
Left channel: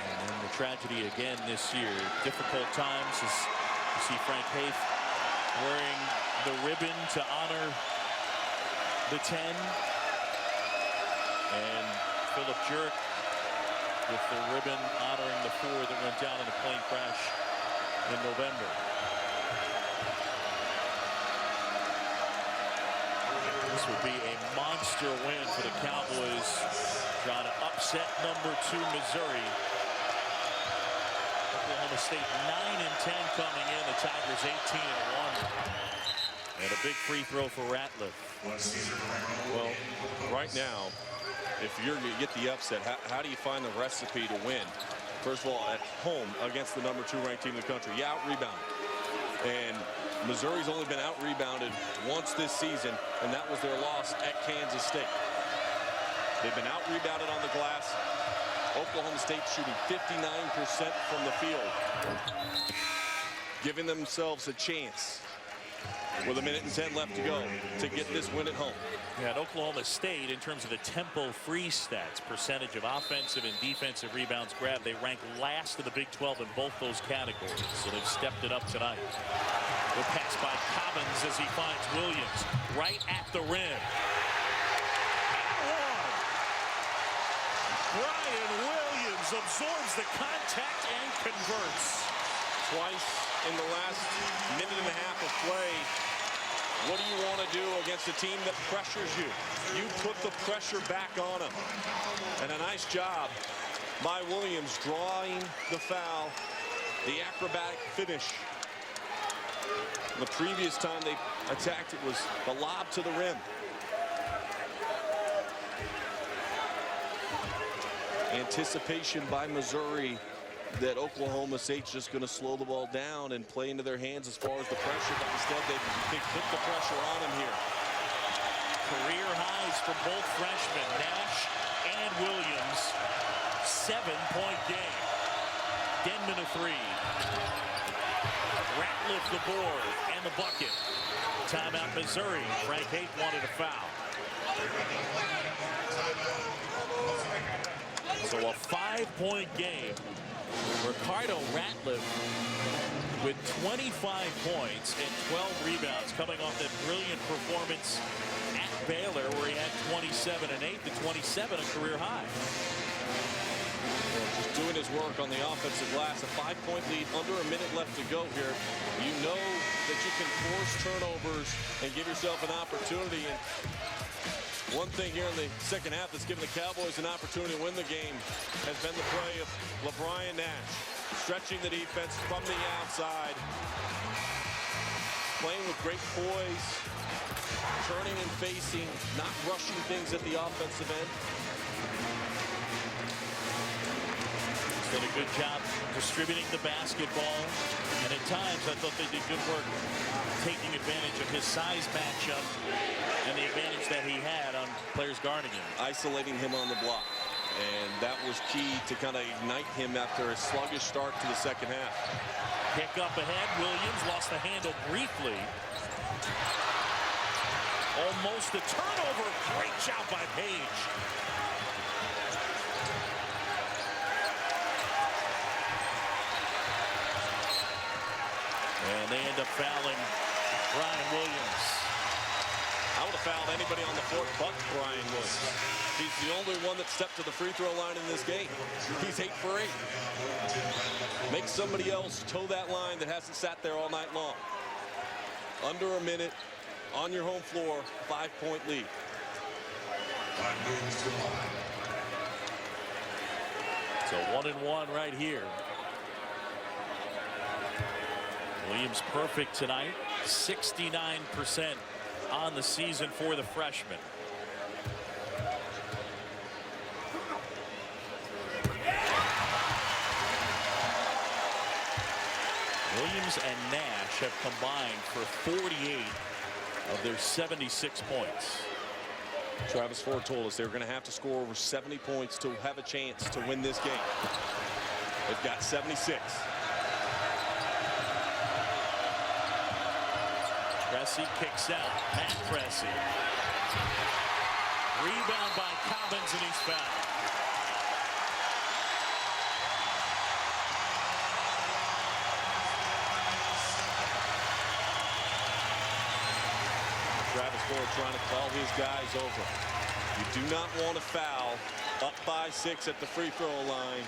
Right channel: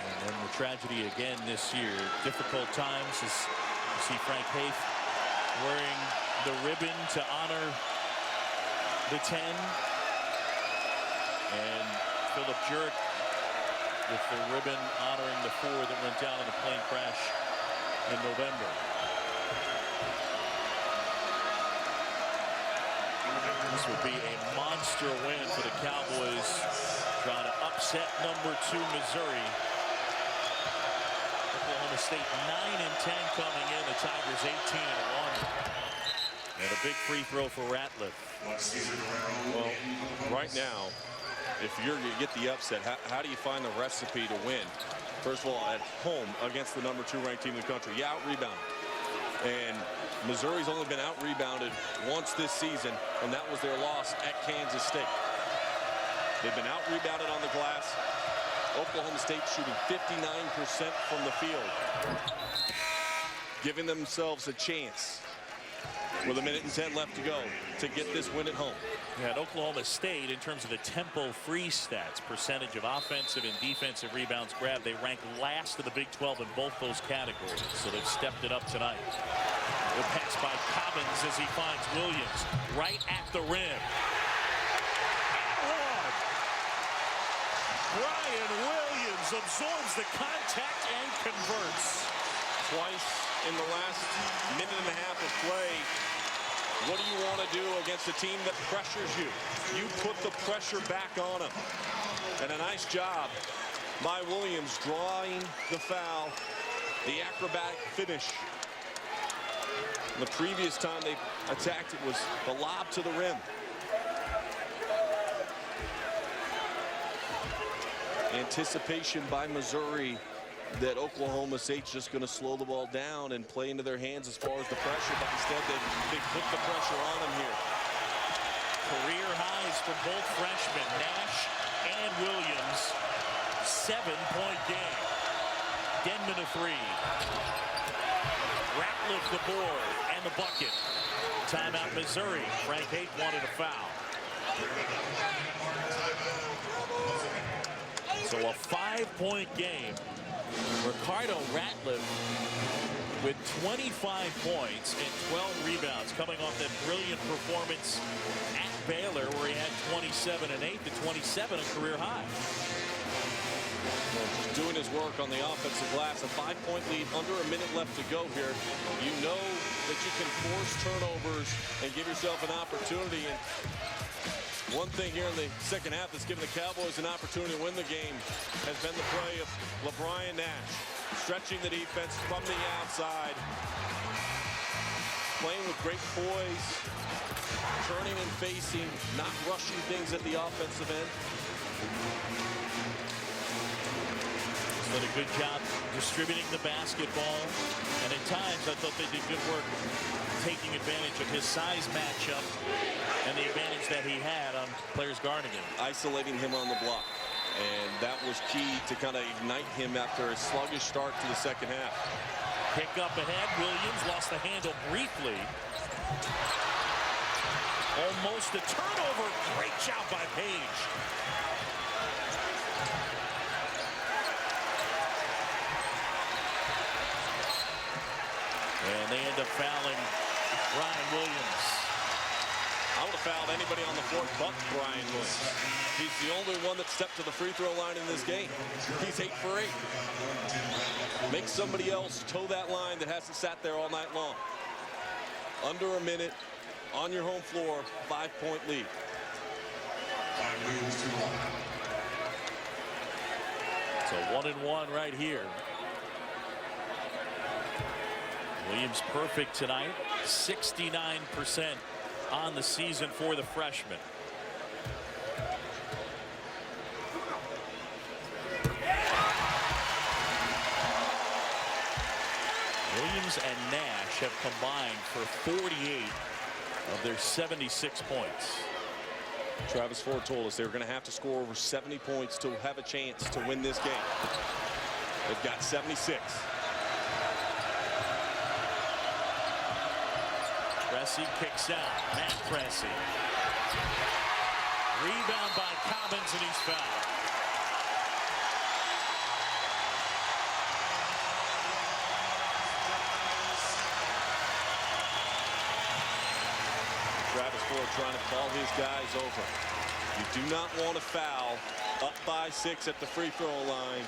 And then the tragedy again this year. Difficult times as you see Frank Haith wearing the ribbon to honor the 10. And Philip Jurek with the ribbon honoring the 4 that went down in a plane crash in November. This would be a monster win for the Cowboys, trying to upset number 2 Missouri. Oklahoma State 9-10 coming in. The Tigers 18-1. And a big free throw for Ratliff. Well, right now, if you're going to get the upset, how do you find the recipe to win? First of all, at home against the number 2 ranked team in the country, you out-rebound. And Missouri's only been out-rebounded once this season, and that was their loss at Kansas State. They've been out-rebounded on the glass. Oklahoma State shooting 59% from the field, giving themselves a chance with 1:10 left to go to get this win at home. Yeah, at Oklahoma State, in terms of the Tempo free stats, percentage of offensive and defensive rebounds grabbed, they rank last in the Big 12 in both those categories. So they've stepped it up tonight. The pass by Cobbins as he finds Williams right at the rim. And one. Brian Williams absorbs the contact and converts. Twice in the last minute and a half of play. What do you want to do against a team that pressures you? You put the pressure back on them. And a nice job by Williams drawing the foul, the acrobatic finish. The previous time they attacked, it was the lob to the rim. Anticipation by Missouri that Oklahoma State's just going to slow the ball down and play into their hands as far as the pressure, but instead they put the pressure on them here. Career highs for both freshmen, Nash and Williams. 7-point game. Denman a 3. Ratliff the board and the bucket. Timeout Missouri. Frank Haith wanted a foul. So a 5-point game. Ricardo Ratliff with 25 points and 12 rebounds, coming off that brilliant performance at Baylor where he had 27 and 8 to 27, a career high. Well, just doing his work on the offensive glass. A 5-point lead, under a minute left to go here. You know that you can force turnovers and give yourself an opportunity. And one thing here in the second half that's given the Cowboys an opportunity to win the game has been the play of LeBron Nash, stretching the defense from the outside, playing with great poise, turning and facing, not rushing things at the offensive end. He's done a good job distributing the basketball, and at times I thought they did good work taking advantage of his size matchup and the advantage that he had on players guarding him. Isolating him on the block. And that was key to kind of ignite him after a sluggish start to the second half. Kick up ahead. Williams lost the handle briefly. Almost a turnover. Great job by Page. And they end up fouling Brian Williams. I would have fouled anybody on the floor but Brian Williams. He's the only one that stepped to the free throw line in this game. He's 8 for 8. Make somebody else toe that line that hasn't sat there all night long. Under a minute, on your home floor, 5-point lead. So 1-1 right here. Williams perfect tonight. 69% on the season for the freshman. Williams and Nash have combined for 48 of their 76 points. Travis Ford told us they were going to have to score over 70 points to have a chance to win this game. They've got 76. Pressey kicks out. Matt Pressey. Rebound by Cobbins, and he's fouled. Travis Ford trying to call his guys over. You do not want to foul up by 6 at the free throw line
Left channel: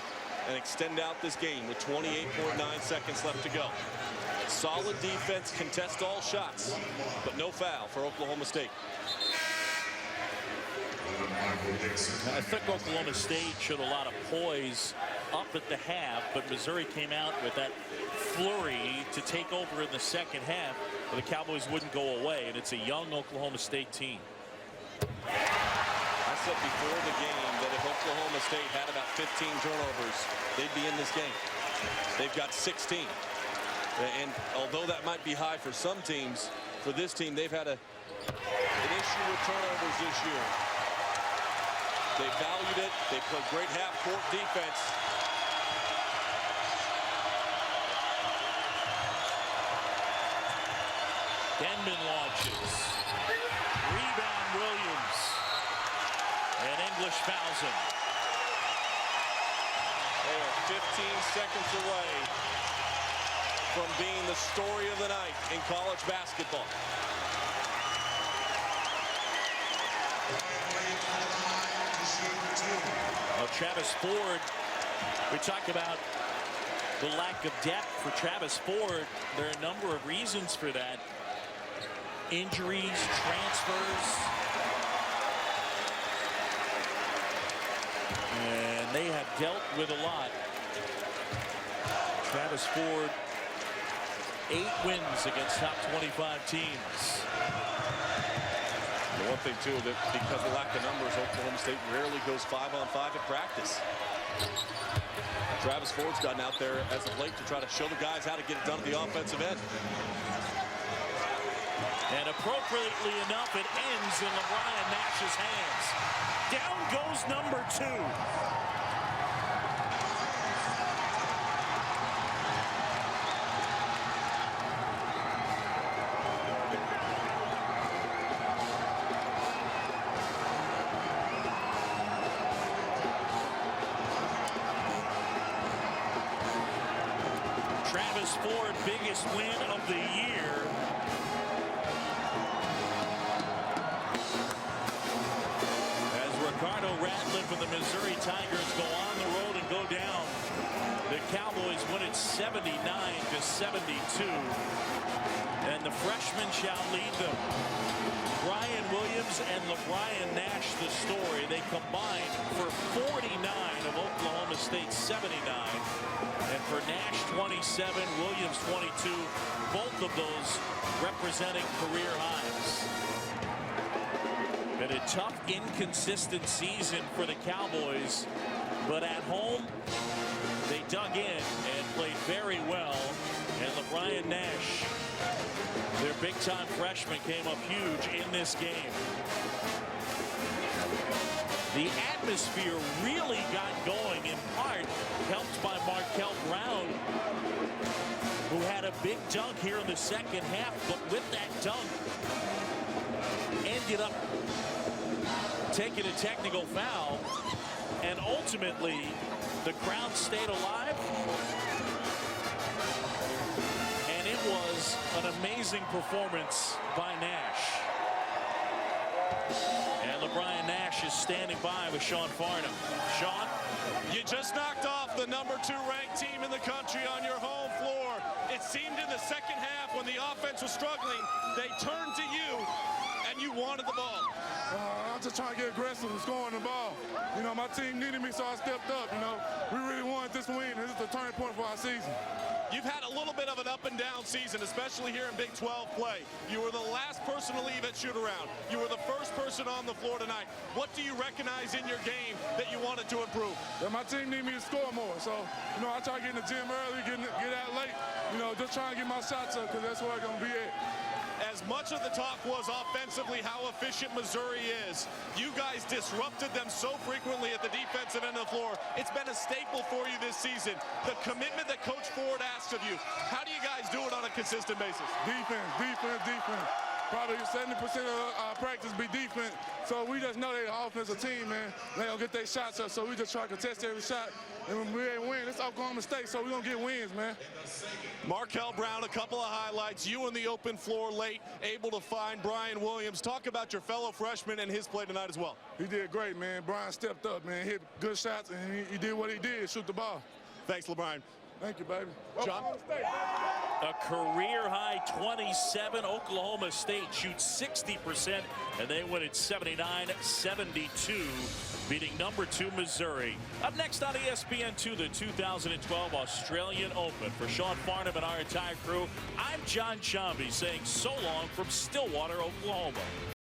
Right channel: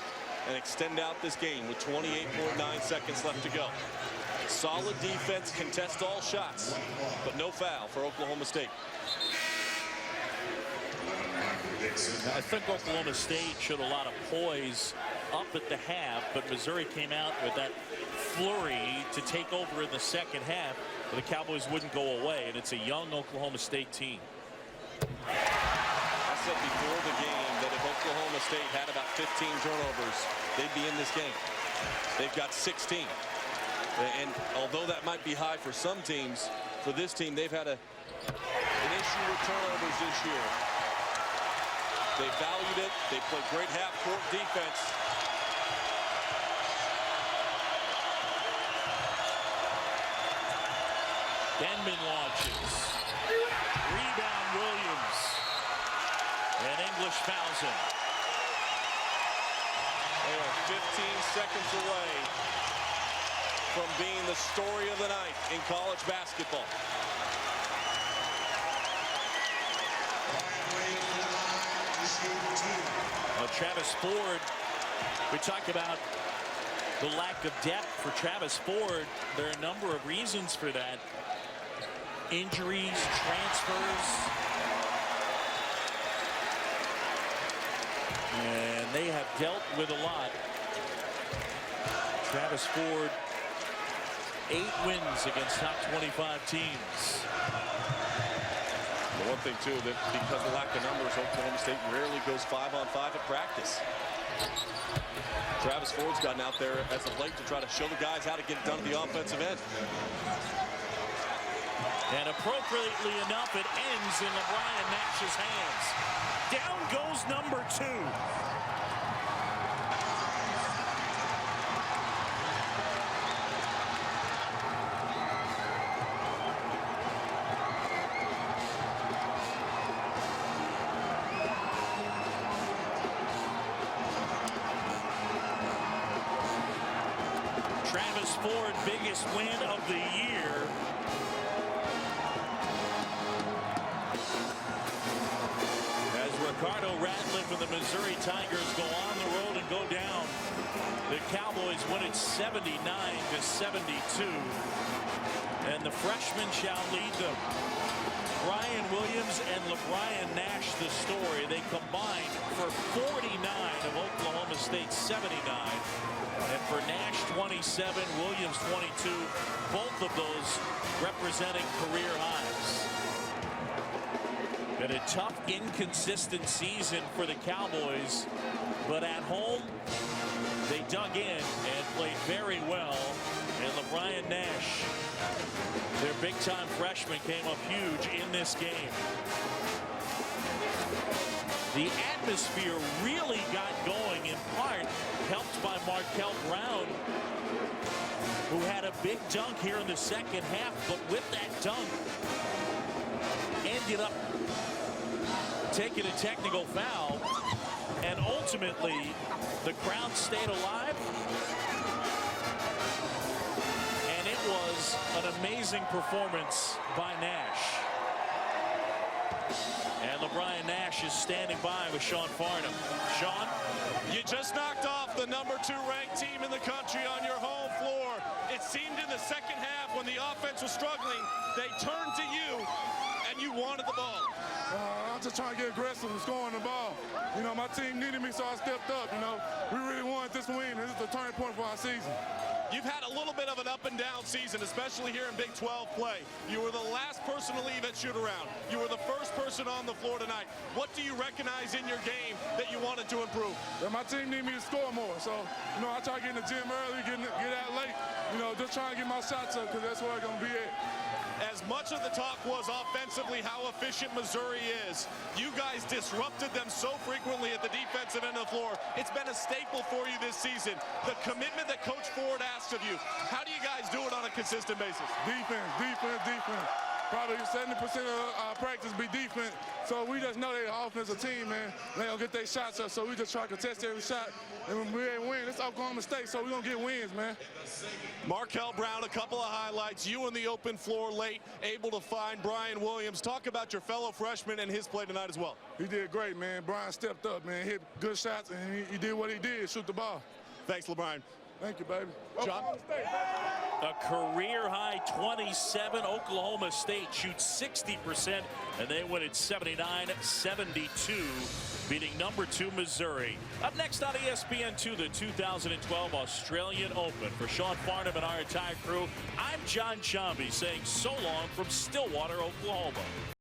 and extend out this game with 28.9 seconds left to go. Solid defense, contest all shots, but no foul for Oklahoma State. I think Oklahoma State showed a lot of poise up at the half, but Missouri came out with that flurry to take over in the second half, but the Cowboys wouldn't go away, and it's a young Oklahoma State team. I said before the game that if Oklahoma State had about 15 turnovers, they'd be in this game. They've got 16. And although that might be high for some teams, for this team, they've had an issue with turnovers this year. They valued it. They played great half-court defense. Denman launches. Rebound Williams. And English fouls him. They are 15 seconds away from being the story of the night in college basketball. Well, Travis Ford, we talk about the lack of depth for Travis Ford. There are a number of reasons for that. Injuries, transfers. And they have dealt with a lot. Travis Ford, 8 wins against top 25 teams. The one thing, too, that because of lack of numbers, Oklahoma State rarely goes 5-on-5 at practice. Travis Ford's gotten out there as of late to try to show the guys how to get it done at the offensive end. And appropriately enough, it ends in LeBron Nash's hands. Down goes number 2. Travis Ford, biggest win of the year. As Ricardo Ratliff and the Missouri Tigers go on the road and go down, the Cowboys win it 79-72. And the freshmen shall lead them. Brian Williams and LeBron Nash, the story. They combined for 49 of Oklahoma State's 79. And for Nash 27, Williams 22, both of those representing career highs. Been a tough, inconsistent season for the Cowboys, but at home, they dug in and played very well. And LeBron Nash, their big-time freshman, came up huge in this game. The atmosphere really got going, in part helped by Markel Brown, who had a big dunk here in the second half, but with that dunk, ended up taking a technical foul, and ultimately the crowd stayed alive. And it was an amazing performance by Nash. And LeBron Nash is standing by with Sean Farnham. Sean? You just knocked off the number 2 ranked team in the country on your home floor. It seemed in the second half when the offense was struggling, they turned to you and you wanted the ball. I'm just trying to get aggressive and scoring the ball. You know, my team needed me, so I stepped up. You know, we really wanted this win. This is the turning point for our season. You've had a little bit of an up and down season, especially here in Big 12 play. You were the last person to leave at shoot-around. You were the first person on the floor tonight. What do you recognize in your game that you wanted to improve? Yeah, my team needed me to score more. So, you know, I try to get in the gym early, get out late. You know, just trying to get my shots up because that's where I'm going to be at. As much of the talk was offensively how efficient Missouri is, you guys disrupted them so frequently at the defensive end of the floor. It's been a staple for you this season. The commitment that Coach Ford asked of you, how do you guys do it on a consistent basis? Defense, defense, defense. Probably 70% of our practice be defense. So we just know they're an offensive team, man. They don't get their shots up, so we just try to contest every shot. And when we ain't win, it's Oklahoma State, so we're going to get wins, man. Markel Brown, a couple of highlights. You on the open floor late, able to find Brian Williams. Talk about your fellow freshman and his play tonight as well. He did great, man. Brian stepped up, man. Hit good shots, and he did what he did, shoot the ball. Thanks, LeBron. Thank you, baby. John? Oklahoma State, baby. A career-high 27. Oklahoma State shoots 60%, and they win at 79-72, beating number 2 Missouri. Up next on ESPN2, the 2012 Australian Open. For Sean Farnham and our entire crew, I'm John Chambi saying so long from Stillwater, Oklahoma.